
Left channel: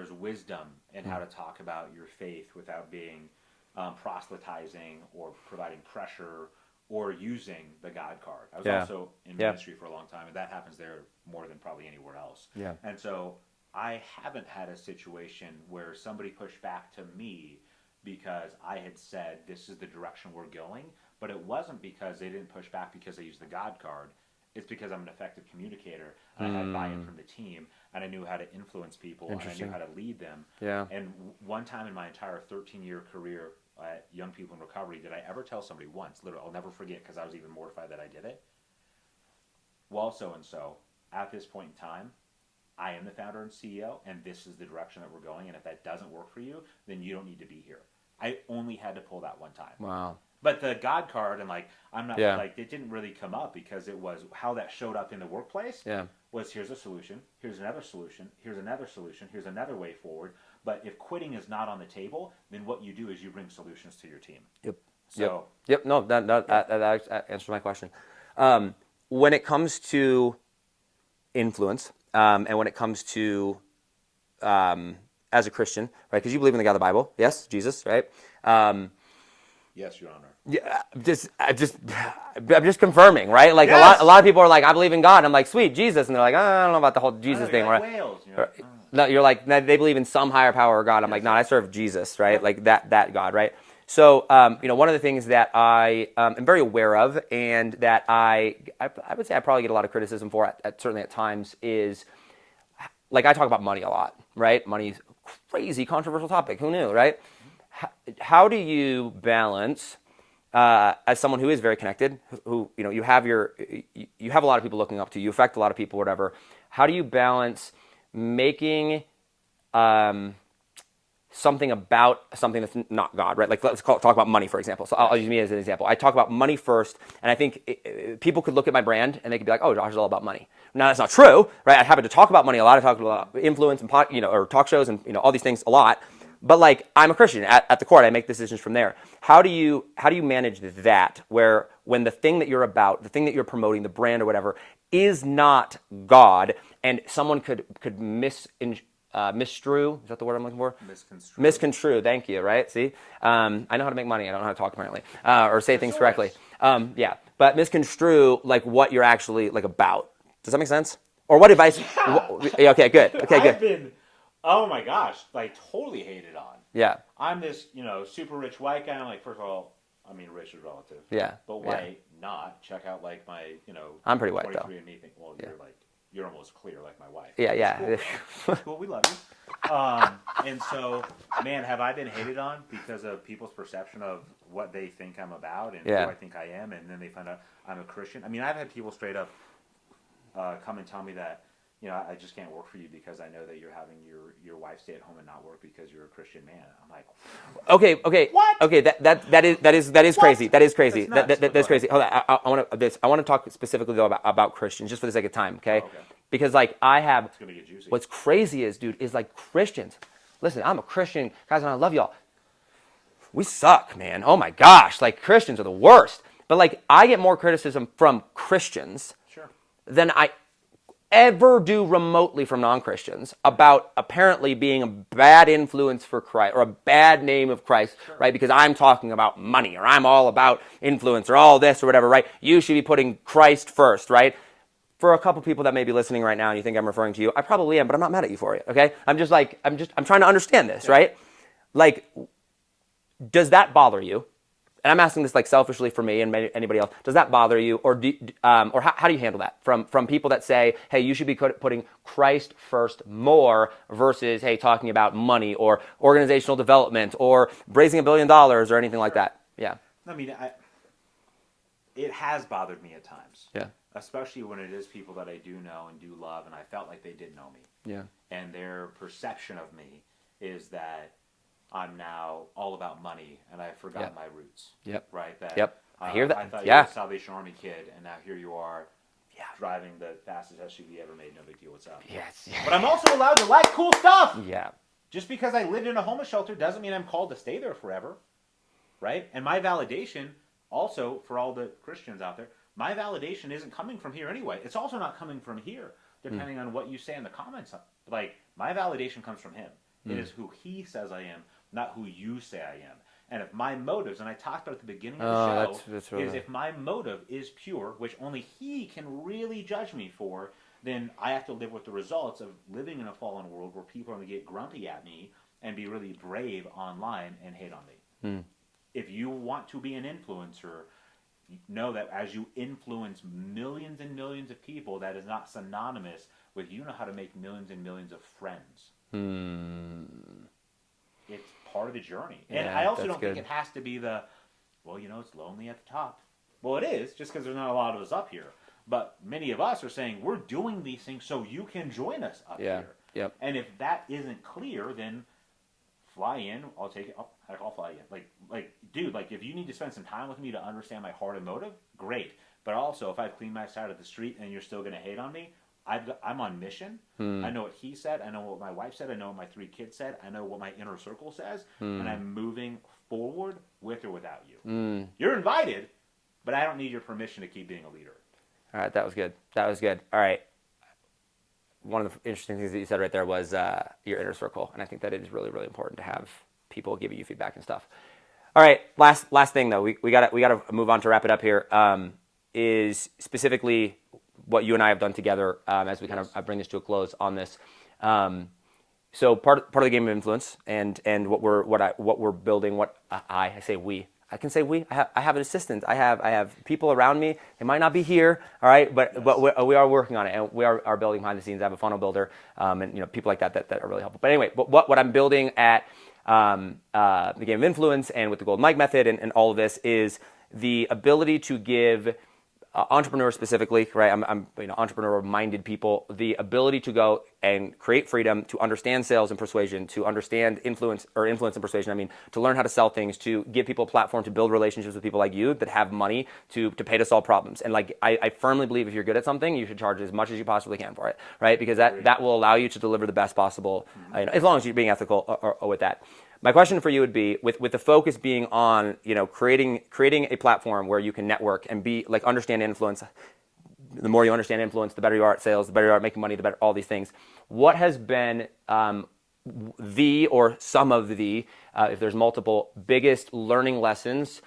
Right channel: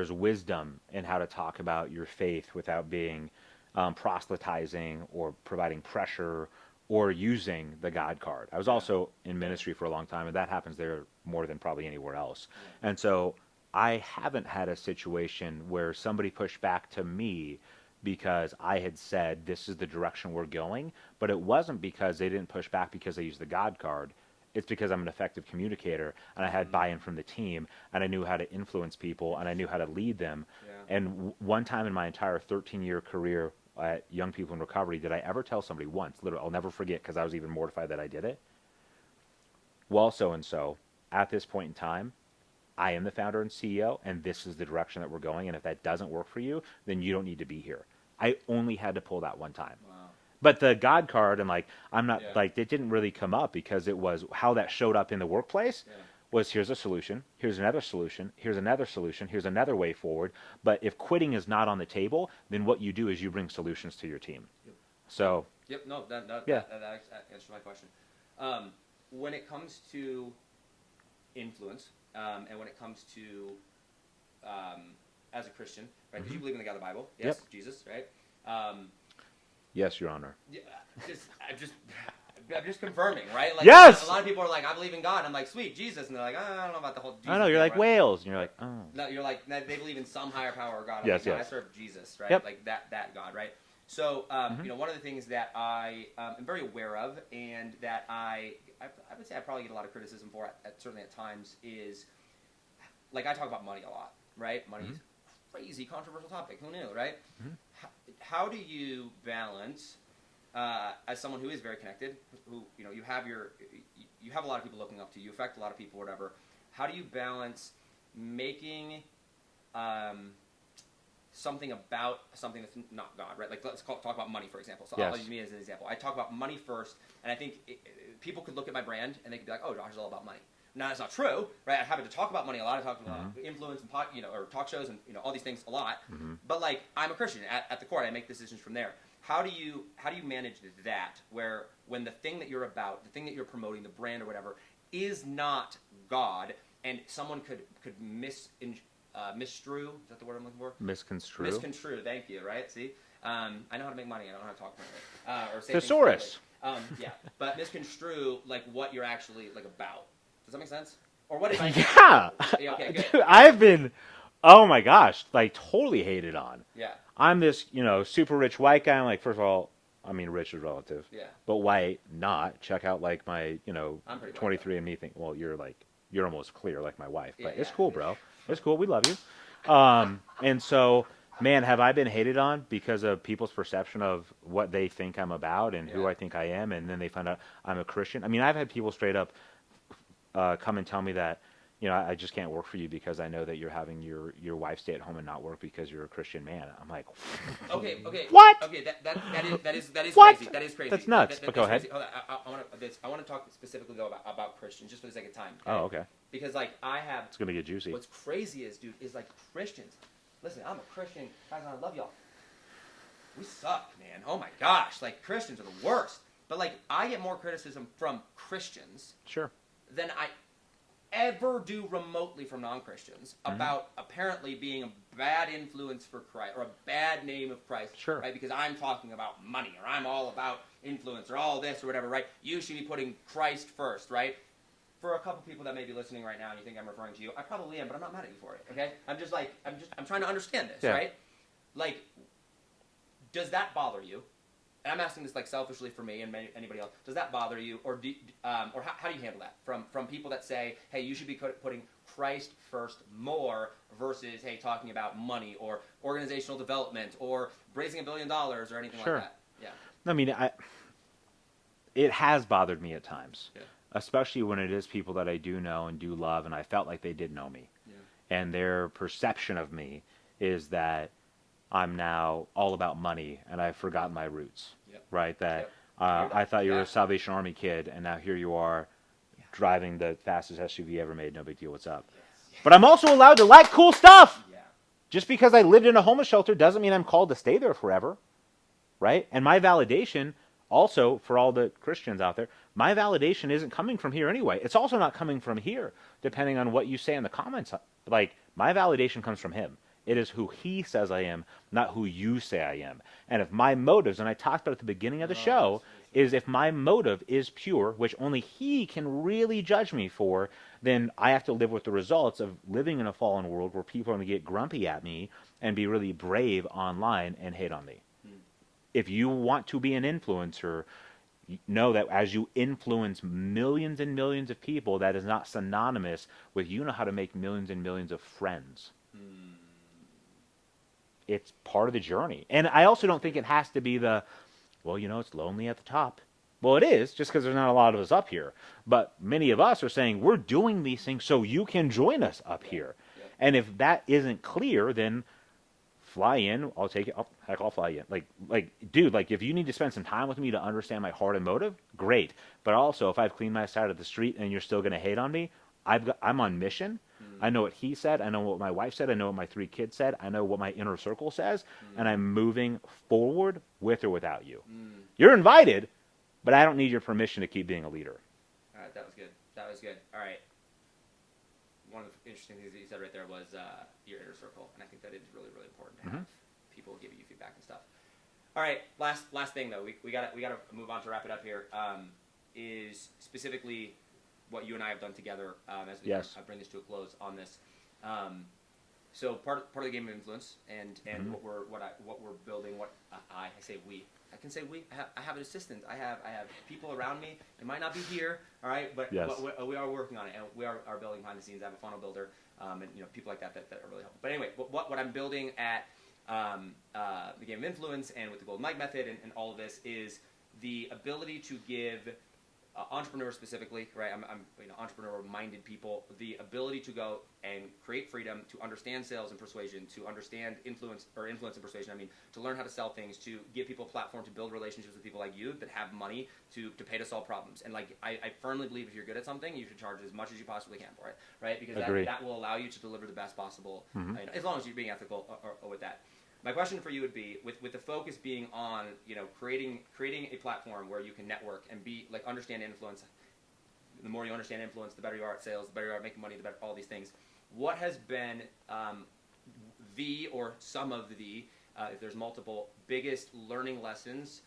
wisdom in how to talk about your faith without being proselytizing or providing pressure or using the God card. I was also in ministry for a long time, and that happens there more than probably anywhere else. Yeah. And so I haven't had a situation where somebody pushed back to me because I had said, this is the direction we're going, but it wasn't because they didn't push back because they used the God card. It's because I'm an effective communicator, and I had buy-in from the team, and I knew how to influence people, and I knew how to lead them. Yeah. And one time in my entire 13-year career at Young People in Recovery, did I ever tell somebody once, literally, I'll never forget because I was even mortified that I did it. Well, so-and-so, at this point in time, I am the founder and CEO, and this is the direction that we're going, and if that doesn't work for you, then you don't need to be here. I only had to pull that one time. Wow. But the God card and I'm not Yeah. it didn't really come up because it was how that showed up in the workplace. Yeah. Was here's a solution, here's another solution, here's another solution, here's another way forward. But if quitting is not on the table, then what you do is you bring solutions to your team. Yep. So. Yep. No, that answers my question. When it comes to influence, and when it comes to as a Christian, right? Because you believe in the God of the Bible, yes, yep. Jesus, right? Yes, Your Honor. Yeah, I'm just confirming, right? Like yes! a lot of people are like, I believe in God. I'm like, sweet, Jesus, and they're like, oh, I don't know about the whole Jesus thing. You're like right? whales. You're like, oh. No, you're like, they believe in some higher power or God. I'm yes, like, no, yes. I serve Jesus, right? Yep. Like that God, right? So, one of the things that I am very aware of, and that I would say I probably get a lot of criticism for, certainly at times, is like I talk about money a lot, right? Money's a crazy controversial topic. Who knew, right? How do you balance, as someone who is very connected, who you have a lot of people looking up to you, affect a lot of people, whatever. How do you balance making something about something that's not God, right? Like talk about money, for example. So yes. I'll use me as an example. I talk about money first, and I think people could look at my brand and they could be like, "Oh, Josh is all about money." Now that's not true, right? I happen to talk about money a lot. I talk about influence and or talk shows and all these things a lot. Mm-hmm. But like I'm a Christian at the core. I make decisions from there. How do you manage that? Where when the thing that you're about, the thing that you're promoting, the brand or whatever, is not God, and someone could misconstrue, is that the word I'm looking for? Misconstrue, thank you, right? See? I know how to make money. I don't know how to talk, apparently, or say things correctly. Yeah, but misconstrue, like, what you're actually, like, about. Does that make sense? Or what advice? Yeah. Okay, good. Okay, I've been, oh my gosh, like, totally hated on. Yeah. I'm this, super rich white guy. I'm like, first of all, I mean, rich is relative. Yeah. But white, not. Check out, like, my, I'm pretty white, 23 and me thing. Well, you're almost clear like my wife. Yeah, yeah. It's cool, bro. It's cool. We love you. And so, man, have I been hated on because of people's perception of what they think I'm about and who I think I am, and then they find out I'm a Christian. I mean, I've had people straight up come and tell me that, I just can't work for you because I know that you're having your wife stay at home and not work because you're a Christian man. I'm like, okay, what? Okay, that is crazy. That is crazy. That's crazy. Hold on, I want to talk specifically though about Christians, just for the sake of time. Okay. Oh, okay. Because like it's gonna get juicy. What's crazy is, dude, is like Christians. Listen, I'm a Christian, guys, and I love y'all. We suck, man. Oh my gosh, like Christians are the worst. But like I get more criticism from Christians, sure, than I ever do remotely from non-Christians about apparently being a bad influence for Christ or a bad name of Christ, sure. Right? Because I'm talking about money or I'm all about influence or all this or whatever, right? You should be putting Christ first, right? For a couple people that may be listening right now and you think I'm referring to you, I probably am, but I'm not mad at you for it, okay? I'm trying to understand this, right? Like, does that bother you? And I'm asking this like selfishly for me and anybody else. Does that bother you, or how do you handle that from people that say, hey, you should be putting Christ first more versus hey talking about money or organizational development or raising $1 billion or anything like that? Yeah. I mean, it has bothered me at times. Yeah. Especially when it is people that I do know and do love, and I felt like they did know me. Yeah. And their perception of me is that I'm now all about money, and I've forgotten my roots. Yep. Right? That, I hear that. I thought you were a Salvation Army kid, and now here you are driving the fastest SUV ever made. No big deal. What's up? Yes. But I'm also allowed to like cool stuff. Yeah. Just because I lived in a homeless shelter doesn't mean I'm called to stay there forever. Right? And my validation, also, for all the Christians out there, my validation isn't coming from here anyway. It's also not coming from here, depending on what you say in the comments. Like, my validation comes from him. It is who he says I am, not who you say I am. And if my motives, and I talked about at the beginning of the show, that's right. is if my motive is pure, which only he can really judge me for, then I have to live with the results of living in a fallen world where people are going to get grumpy at me and be really brave online and hate on me. If you want to be an influencer, know that as you influence millions and millions of people, that is not synonymous with you know how to make millions and millions of friends. It's part of the journey. And Yeah, I also that's don't think good. it has to be the, well, you know, it's lonely at the top. Well, it is, just because there's not a lot of us up here. But many of us are saying we're doing these things so you can join us up Yeah. here. Yep. And if that isn't clear, then fly in. I'll take it. Heck, I'll fly in. Dude, like, if you need to spend some time with me to understand my heart and motive, great. But also, if I've cleaned my side of the street and you're still going to hate on me, I'm on mission. I know what he said. I know what my wife said. I know what my 3 kids said. I know what my inner circle says. And I'm moving forward with or without you. You're invited, but I don't need your permission to keep being a leader. All right, that was good. That was good. All right. One of the interesting things that you said right there was your inner circle, and I think that it is really, really important to have people giving you feedback and stuff. All right, last thing though, we gotta move on to wrap it up here. Is specifically what you and I have done together as we kind of bring this to a close on this. So part of the game of influence and what we're building. I say we. I can say we. I have an assistant. I have people around me. They might not be here, all right, but we are working on it, and we are building behind the scenes. I have a funnel builder, and people like that are really helpful. But anyway, what I'm building at the game of influence and with the Golden Mike method and all of this is the ability to give entrepreneurs specifically, right? I'm entrepreneur-minded people. The ability to go and create freedom, to understand sales and persuasion, to understand influence and persuasion. I mean, to learn how to sell things, to give people a platform to build relationships with people like you that have money to pay to solve problems. And like, I firmly believe if you're good at something, you should charge as much as you possibly can for it, right? Because that will allow you to deliver the best possible, as long as you're being ethical or with that. My question for you would be, with the focus being on, creating a platform where you can network and be like understand influence. The more you understand influence, the better you are at sales, the better you are at making money, the better all these things. What has been the or some of the, if there's multiple, biggest learning lessons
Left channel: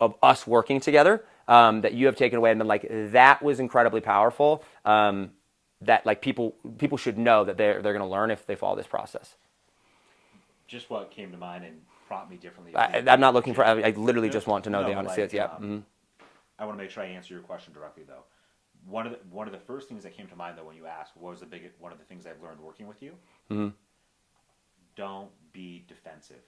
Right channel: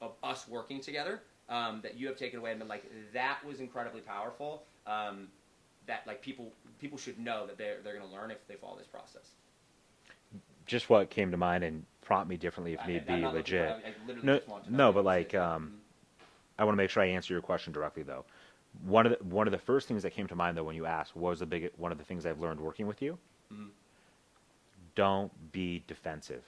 of us working together that you have taken away and been like, that was incredibly powerful, that like people should know that they're going to learn if they follow this process? Just what came to mind and prompt me differently. I'm not looking for. I literally just want to know. No, but like, I want to make sure I answer your question directly, though. One of the first things that came to mind, though, when you asked, what was one of the things I've learned working with you? Don't be defensive.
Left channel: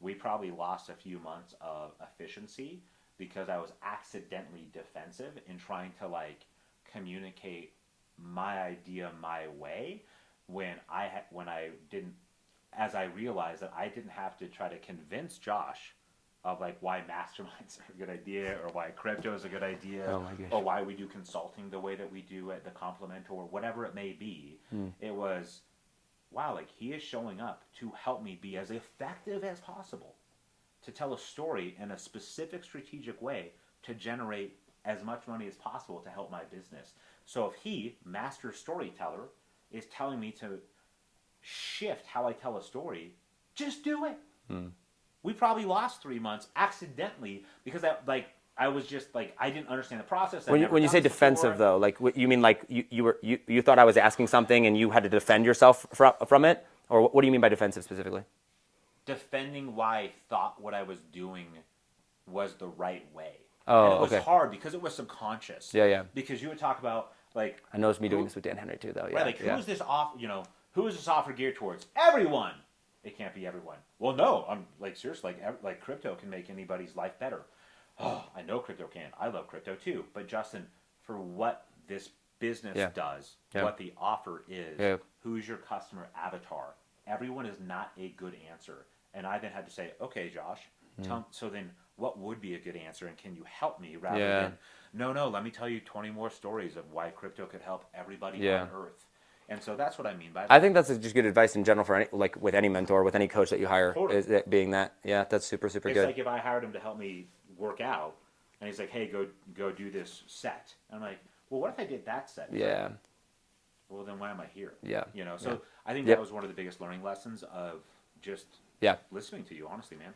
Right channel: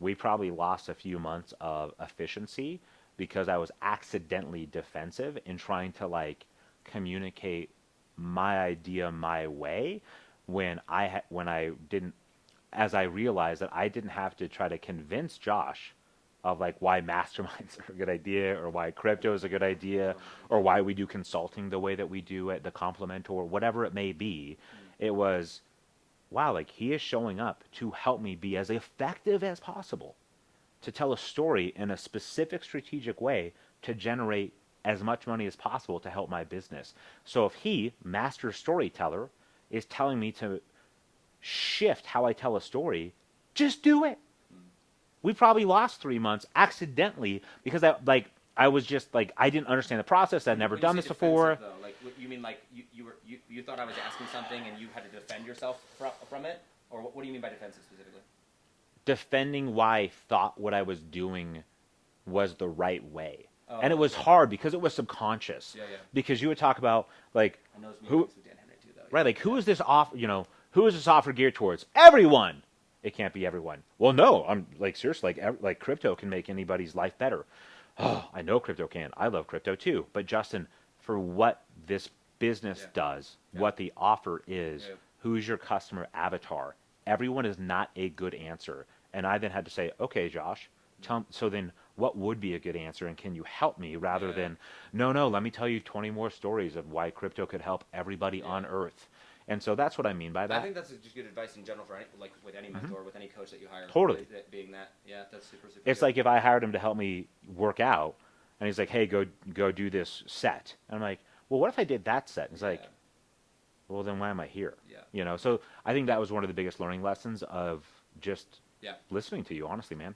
We probably lost a few months of efficiency because I was accidentally defensive in trying to like communicate my idea my way when I didn't. As I realized that I didn't have to try to convince Josh of like why masterminds are a good idea or why crypto is a good idea or why we do consulting the way that we do at the Complement or whatever it may be. It was, wow, like he is showing up to help me be as effective as possible, to tell a story in a specific strategic way to generate as much money as possible to help my business. So if he, master storyteller, is telling me to shift how I tell a story, just do it. We probably lost 3 months accidentally because I was just like, I didn't understand the process. When you say defensive, though, like you mean like you thought I was asking something and you had to defend yourself from it, or what do you mean by defensive specifically? Defending why I thought what I was doing was the right way. Oh, and it was hard because it was subconscious. Yeah. Because you would talk about like, I know it's me doing this with Dan Henry too, though. Yeah, right? Like who is this off? Who is this offer geared towards? Everyone. It can't be everyone. Well, no, I'm like seriously, like crypto can make anybody's life better. Oh, I know crypto can. I love crypto too. But Justin, for what this business does, what the offer is, who's your customer avatar? Everyone is not a good answer. And I then had to say, okay, Josh, so then what would be a good answer, and can you help me rather than no, let me tell you 20 more stories of why crypto could help everybody on earth. And so that's what I mean by that. I think that's just good advice in general for with any mentor, with any coach that you hire. Totally. Is it being that. Yeah, that's super good. It's like if I hired him to help me work out, and he's like, hey, go do this set. And I'm like, well, what if I did that set? He's like, well, then why am I here? Yeah. So I think that was one of the biggest learning lessons of just listening to you, honestly, man.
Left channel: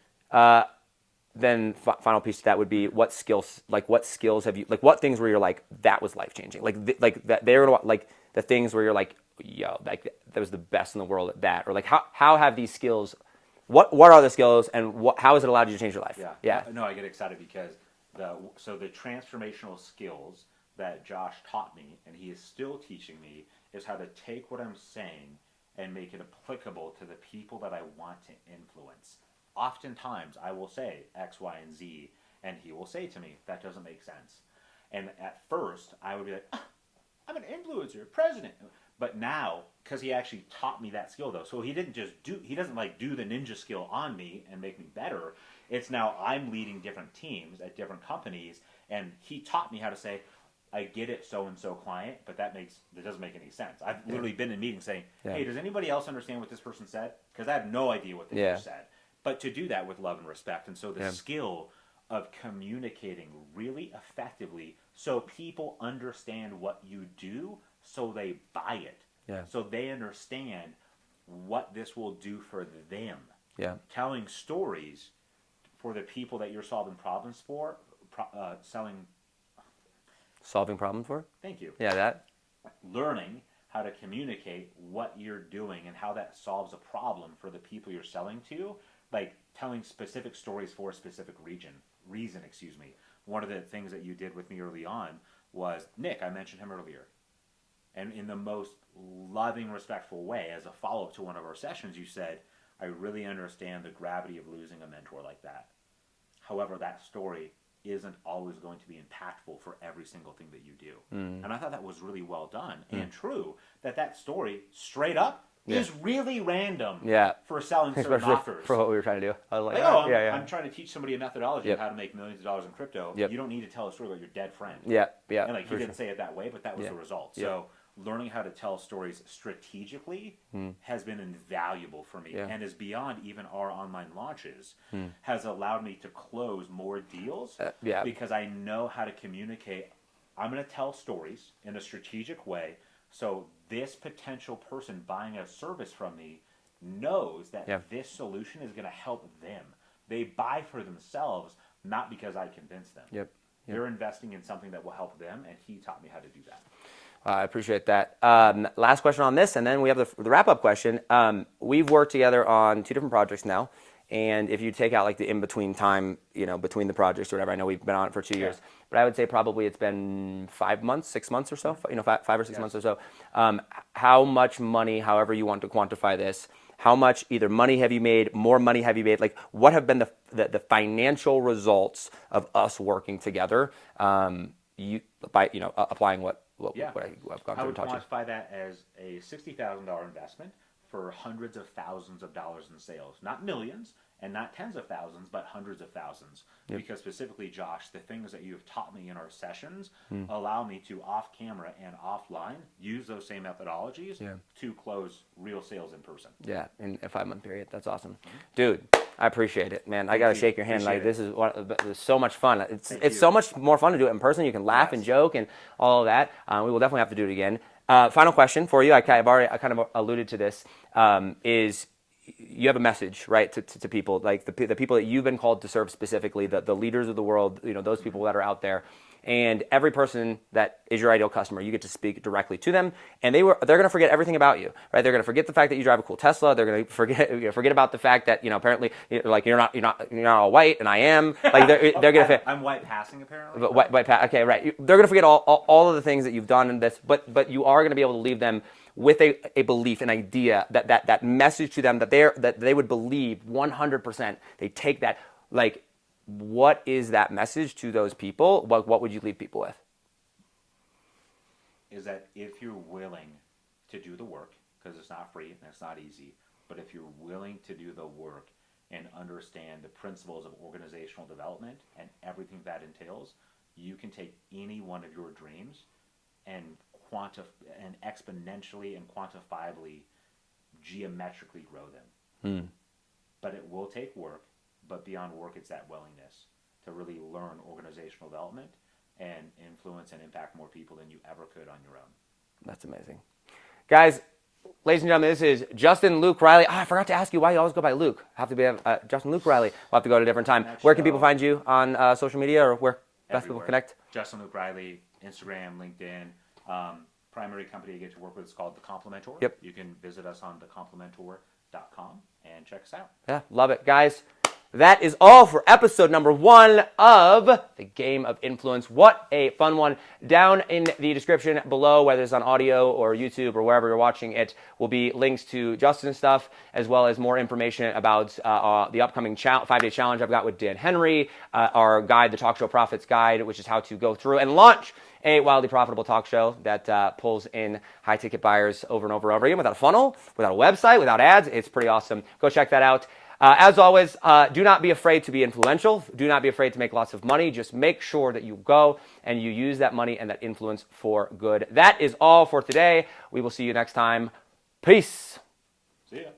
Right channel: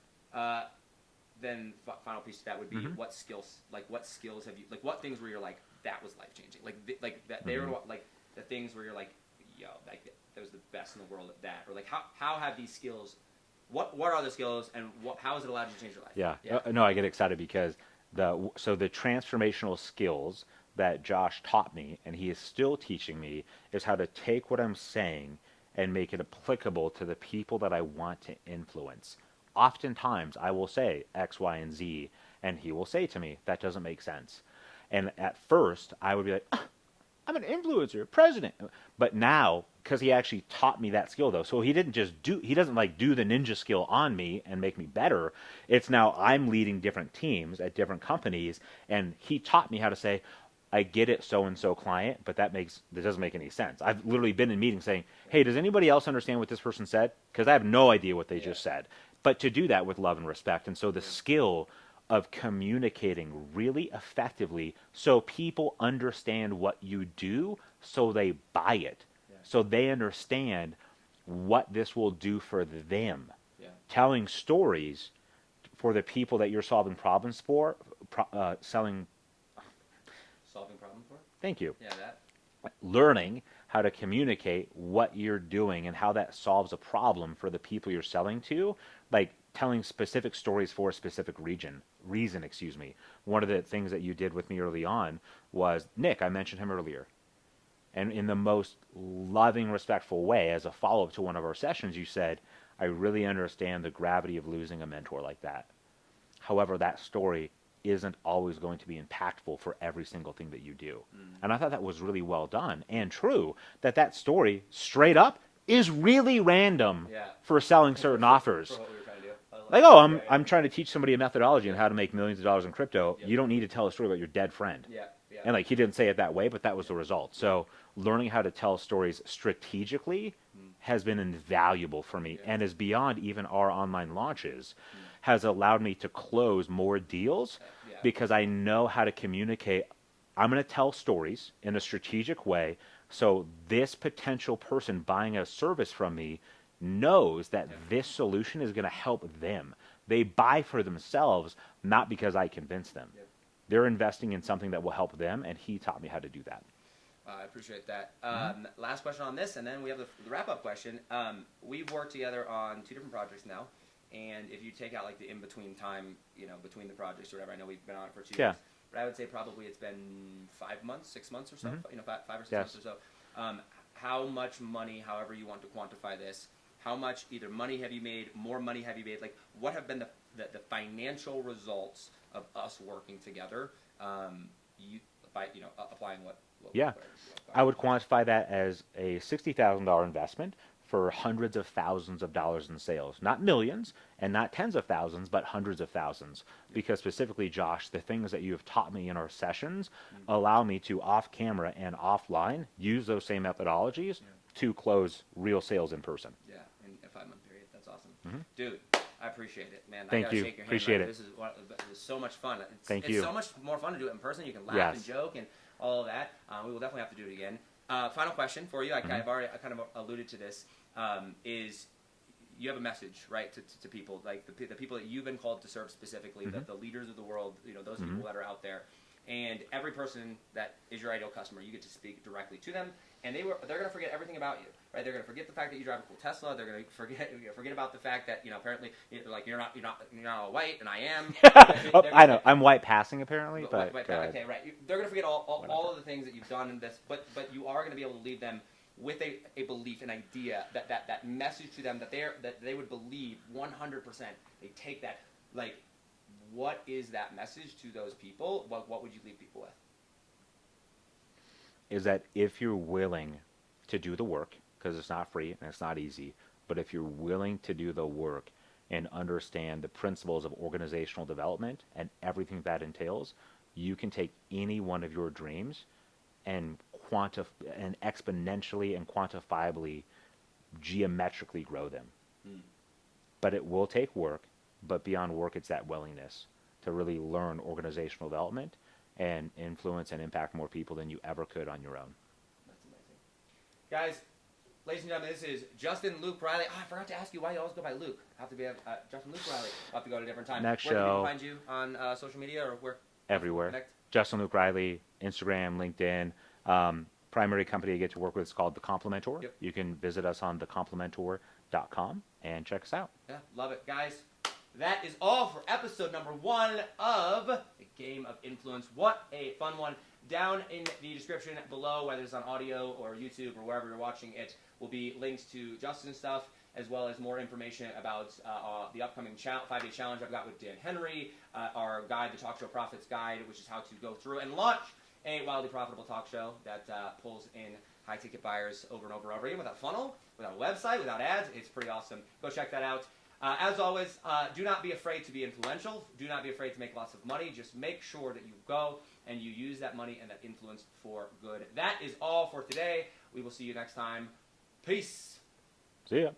Then final piece to that would be what skills have you, like what things where you're like, that was life-changing? Like that they're like the things where you're like, yo, like that was the best in the world at that, or like how have these skills, what are the skills and how has it allowed you to change your life? Yeah. No, I get excited because So the transformational skills that Josh taught me, and he is still teaching me, is how to take what I'm saying and make it applicable to the people that I want to influence. Oftentimes, I will say X, Y, and Z, and he will say to me, that doesn't make sense. And at first, I would be like, I'm an influencer, president. But now, because he actually taught me that skill, though, so he doesn't like do the ninja skill on me and make me better. It's now I'm leading different teams at different companies, and he taught me how to say, I get it, so-and-so client, but that doesn't make any sense. I've literally been in meetings saying, hey, does anybody else understand what this person said? Because I have no idea what they just said. But to do that with love and respect. And so the skill of communicating really effectively so people understand what you do so they buy it. So they understand what this will do for them. Telling stories for the people that you're solving problems for, Solving problems for? Thank you. Yeah, that. Learning how to communicate what you're doing and how that solves a problem for the people you're selling to, like telling specific stories for a specific reason. One of the things that you did with me early on was Nick. I mentioned him earlier. And in the most loving, respectful way, as a follow-up to one of our sessions, you said, I really understand the gravity of losing a mentor like that. However, that story isn't always going to be impactful for every single thing that you do. And I thought that was really well done and true, that story, straight up, is really random for selling certain offers. For what we were trying to do. I'm trying to teach somebody a methodology on how to make millions of dollars in crypto. You don't need to tell a story about your dead friend. And like he didn't say it that way, but that was the result. So learning how to tell stories strategically has been invaluable for me and is beyond even our online launches, has allowed me to close more deals because I know how to communicate. I'm going to tell stories in a strategic way so this potential person buying a service from me knows that this solution is going to help them. They buy for themselves, not because I convince them. They're investing in something that will help them, and he taught me how to do that. I appreciate that. Last question on this, and then we have the wrap-up question. We've worked together on 2 different projects now, and if you take out like the in-between time, between the projects or whatever, I know we've been on it for 2 years, but I would say probably it's been 5 months, 6 months or so, 5 or 6 months or so. How much money, however you want to quantify this, how much either money have you made, more money have you made, like what have been the financial results of us working together by applying what I would quantify that as a $60,000 investment for hundreds of thousands of dollars in sales. Not millions and not tens of thousands, but hundreds of thousands. Because specifically, Josh, the things that you have taught me in our sessions allow me to, off camera and offline, use those same methodologies to close real sales in person. Yeah, in a 5-month period. That's awesome. Dude, I appreciate it, man. I got to shake your hand. This is so much fun. It's so much more fun to do it in person. You can laugh and joke and all of that. We will definitely have to do it again. Final question for you. I kind of alluded to this. Is you have a message, right, to people, like the people that you've been called to serve specifically, the leaders of the world, those people that are out there. And every person that is your ideal customer, you get to speak directly to them, and they're going to forget everything about you, right? They're going to forget the fact that you drive a cool Tesla. They're going to forget about the fact that apparently like you're not all white, and I am. Like they're going to. I'm white passing apparently. But white okay, right? They're going to forget all of the things that you've done in this, but you are going to be able to leave them with a belief, an idea that message to them that they would believe 100%. They take that like. What is that message to those people? What would you leave people with? Is that if you're willing to do the work, because it's not free and it's not easy, but if you're willing to do the work and understand the principles of organizational development and everything that entails, you can take any one of your dreams and exponentially and quantifiably, geometrically grow them. But it will take work. But beyond work, it's that willingness to really learn organizational development and influence and impact more people than you ever could on your own. That's amazing. Guys, ladies and gentlemen, this is Justin Luke Riley. I forgot to ask you why you always go by Luke. Have to be Justin Luke Riley. We'll have to go at a different time. Where can people find you on social media, or where best people connect? Justin Luke Riley, Instagram, LinkedIn. Primary company I get to work with is called The Complementor. You can visit us on thecomplementor.com and check us out. Yeah, love it. Guys, that is all for episode number 1 of the Game of Influence. What a fun one. Down in the description below, whether it's on audio or YouTube or wherever you're watching it, will be links to Justin's stuff, as well as more information about the upcoming 5-day challenge I've got with Dan Henry, our guide, the Talk Show Profits Guide, which is how to go through and launch a wildly profitable talk show that pulls in high-ticket buyers over and over and over again without a funnel, without a website, without ads. It's pretty awesome. Go check that out. As always, do not be afraid to be influential. Do not be afraid to make lots of money. Just make sure that you go and you use that money and that influence for good. That is all for today. We will see you next time. Peace. See ya.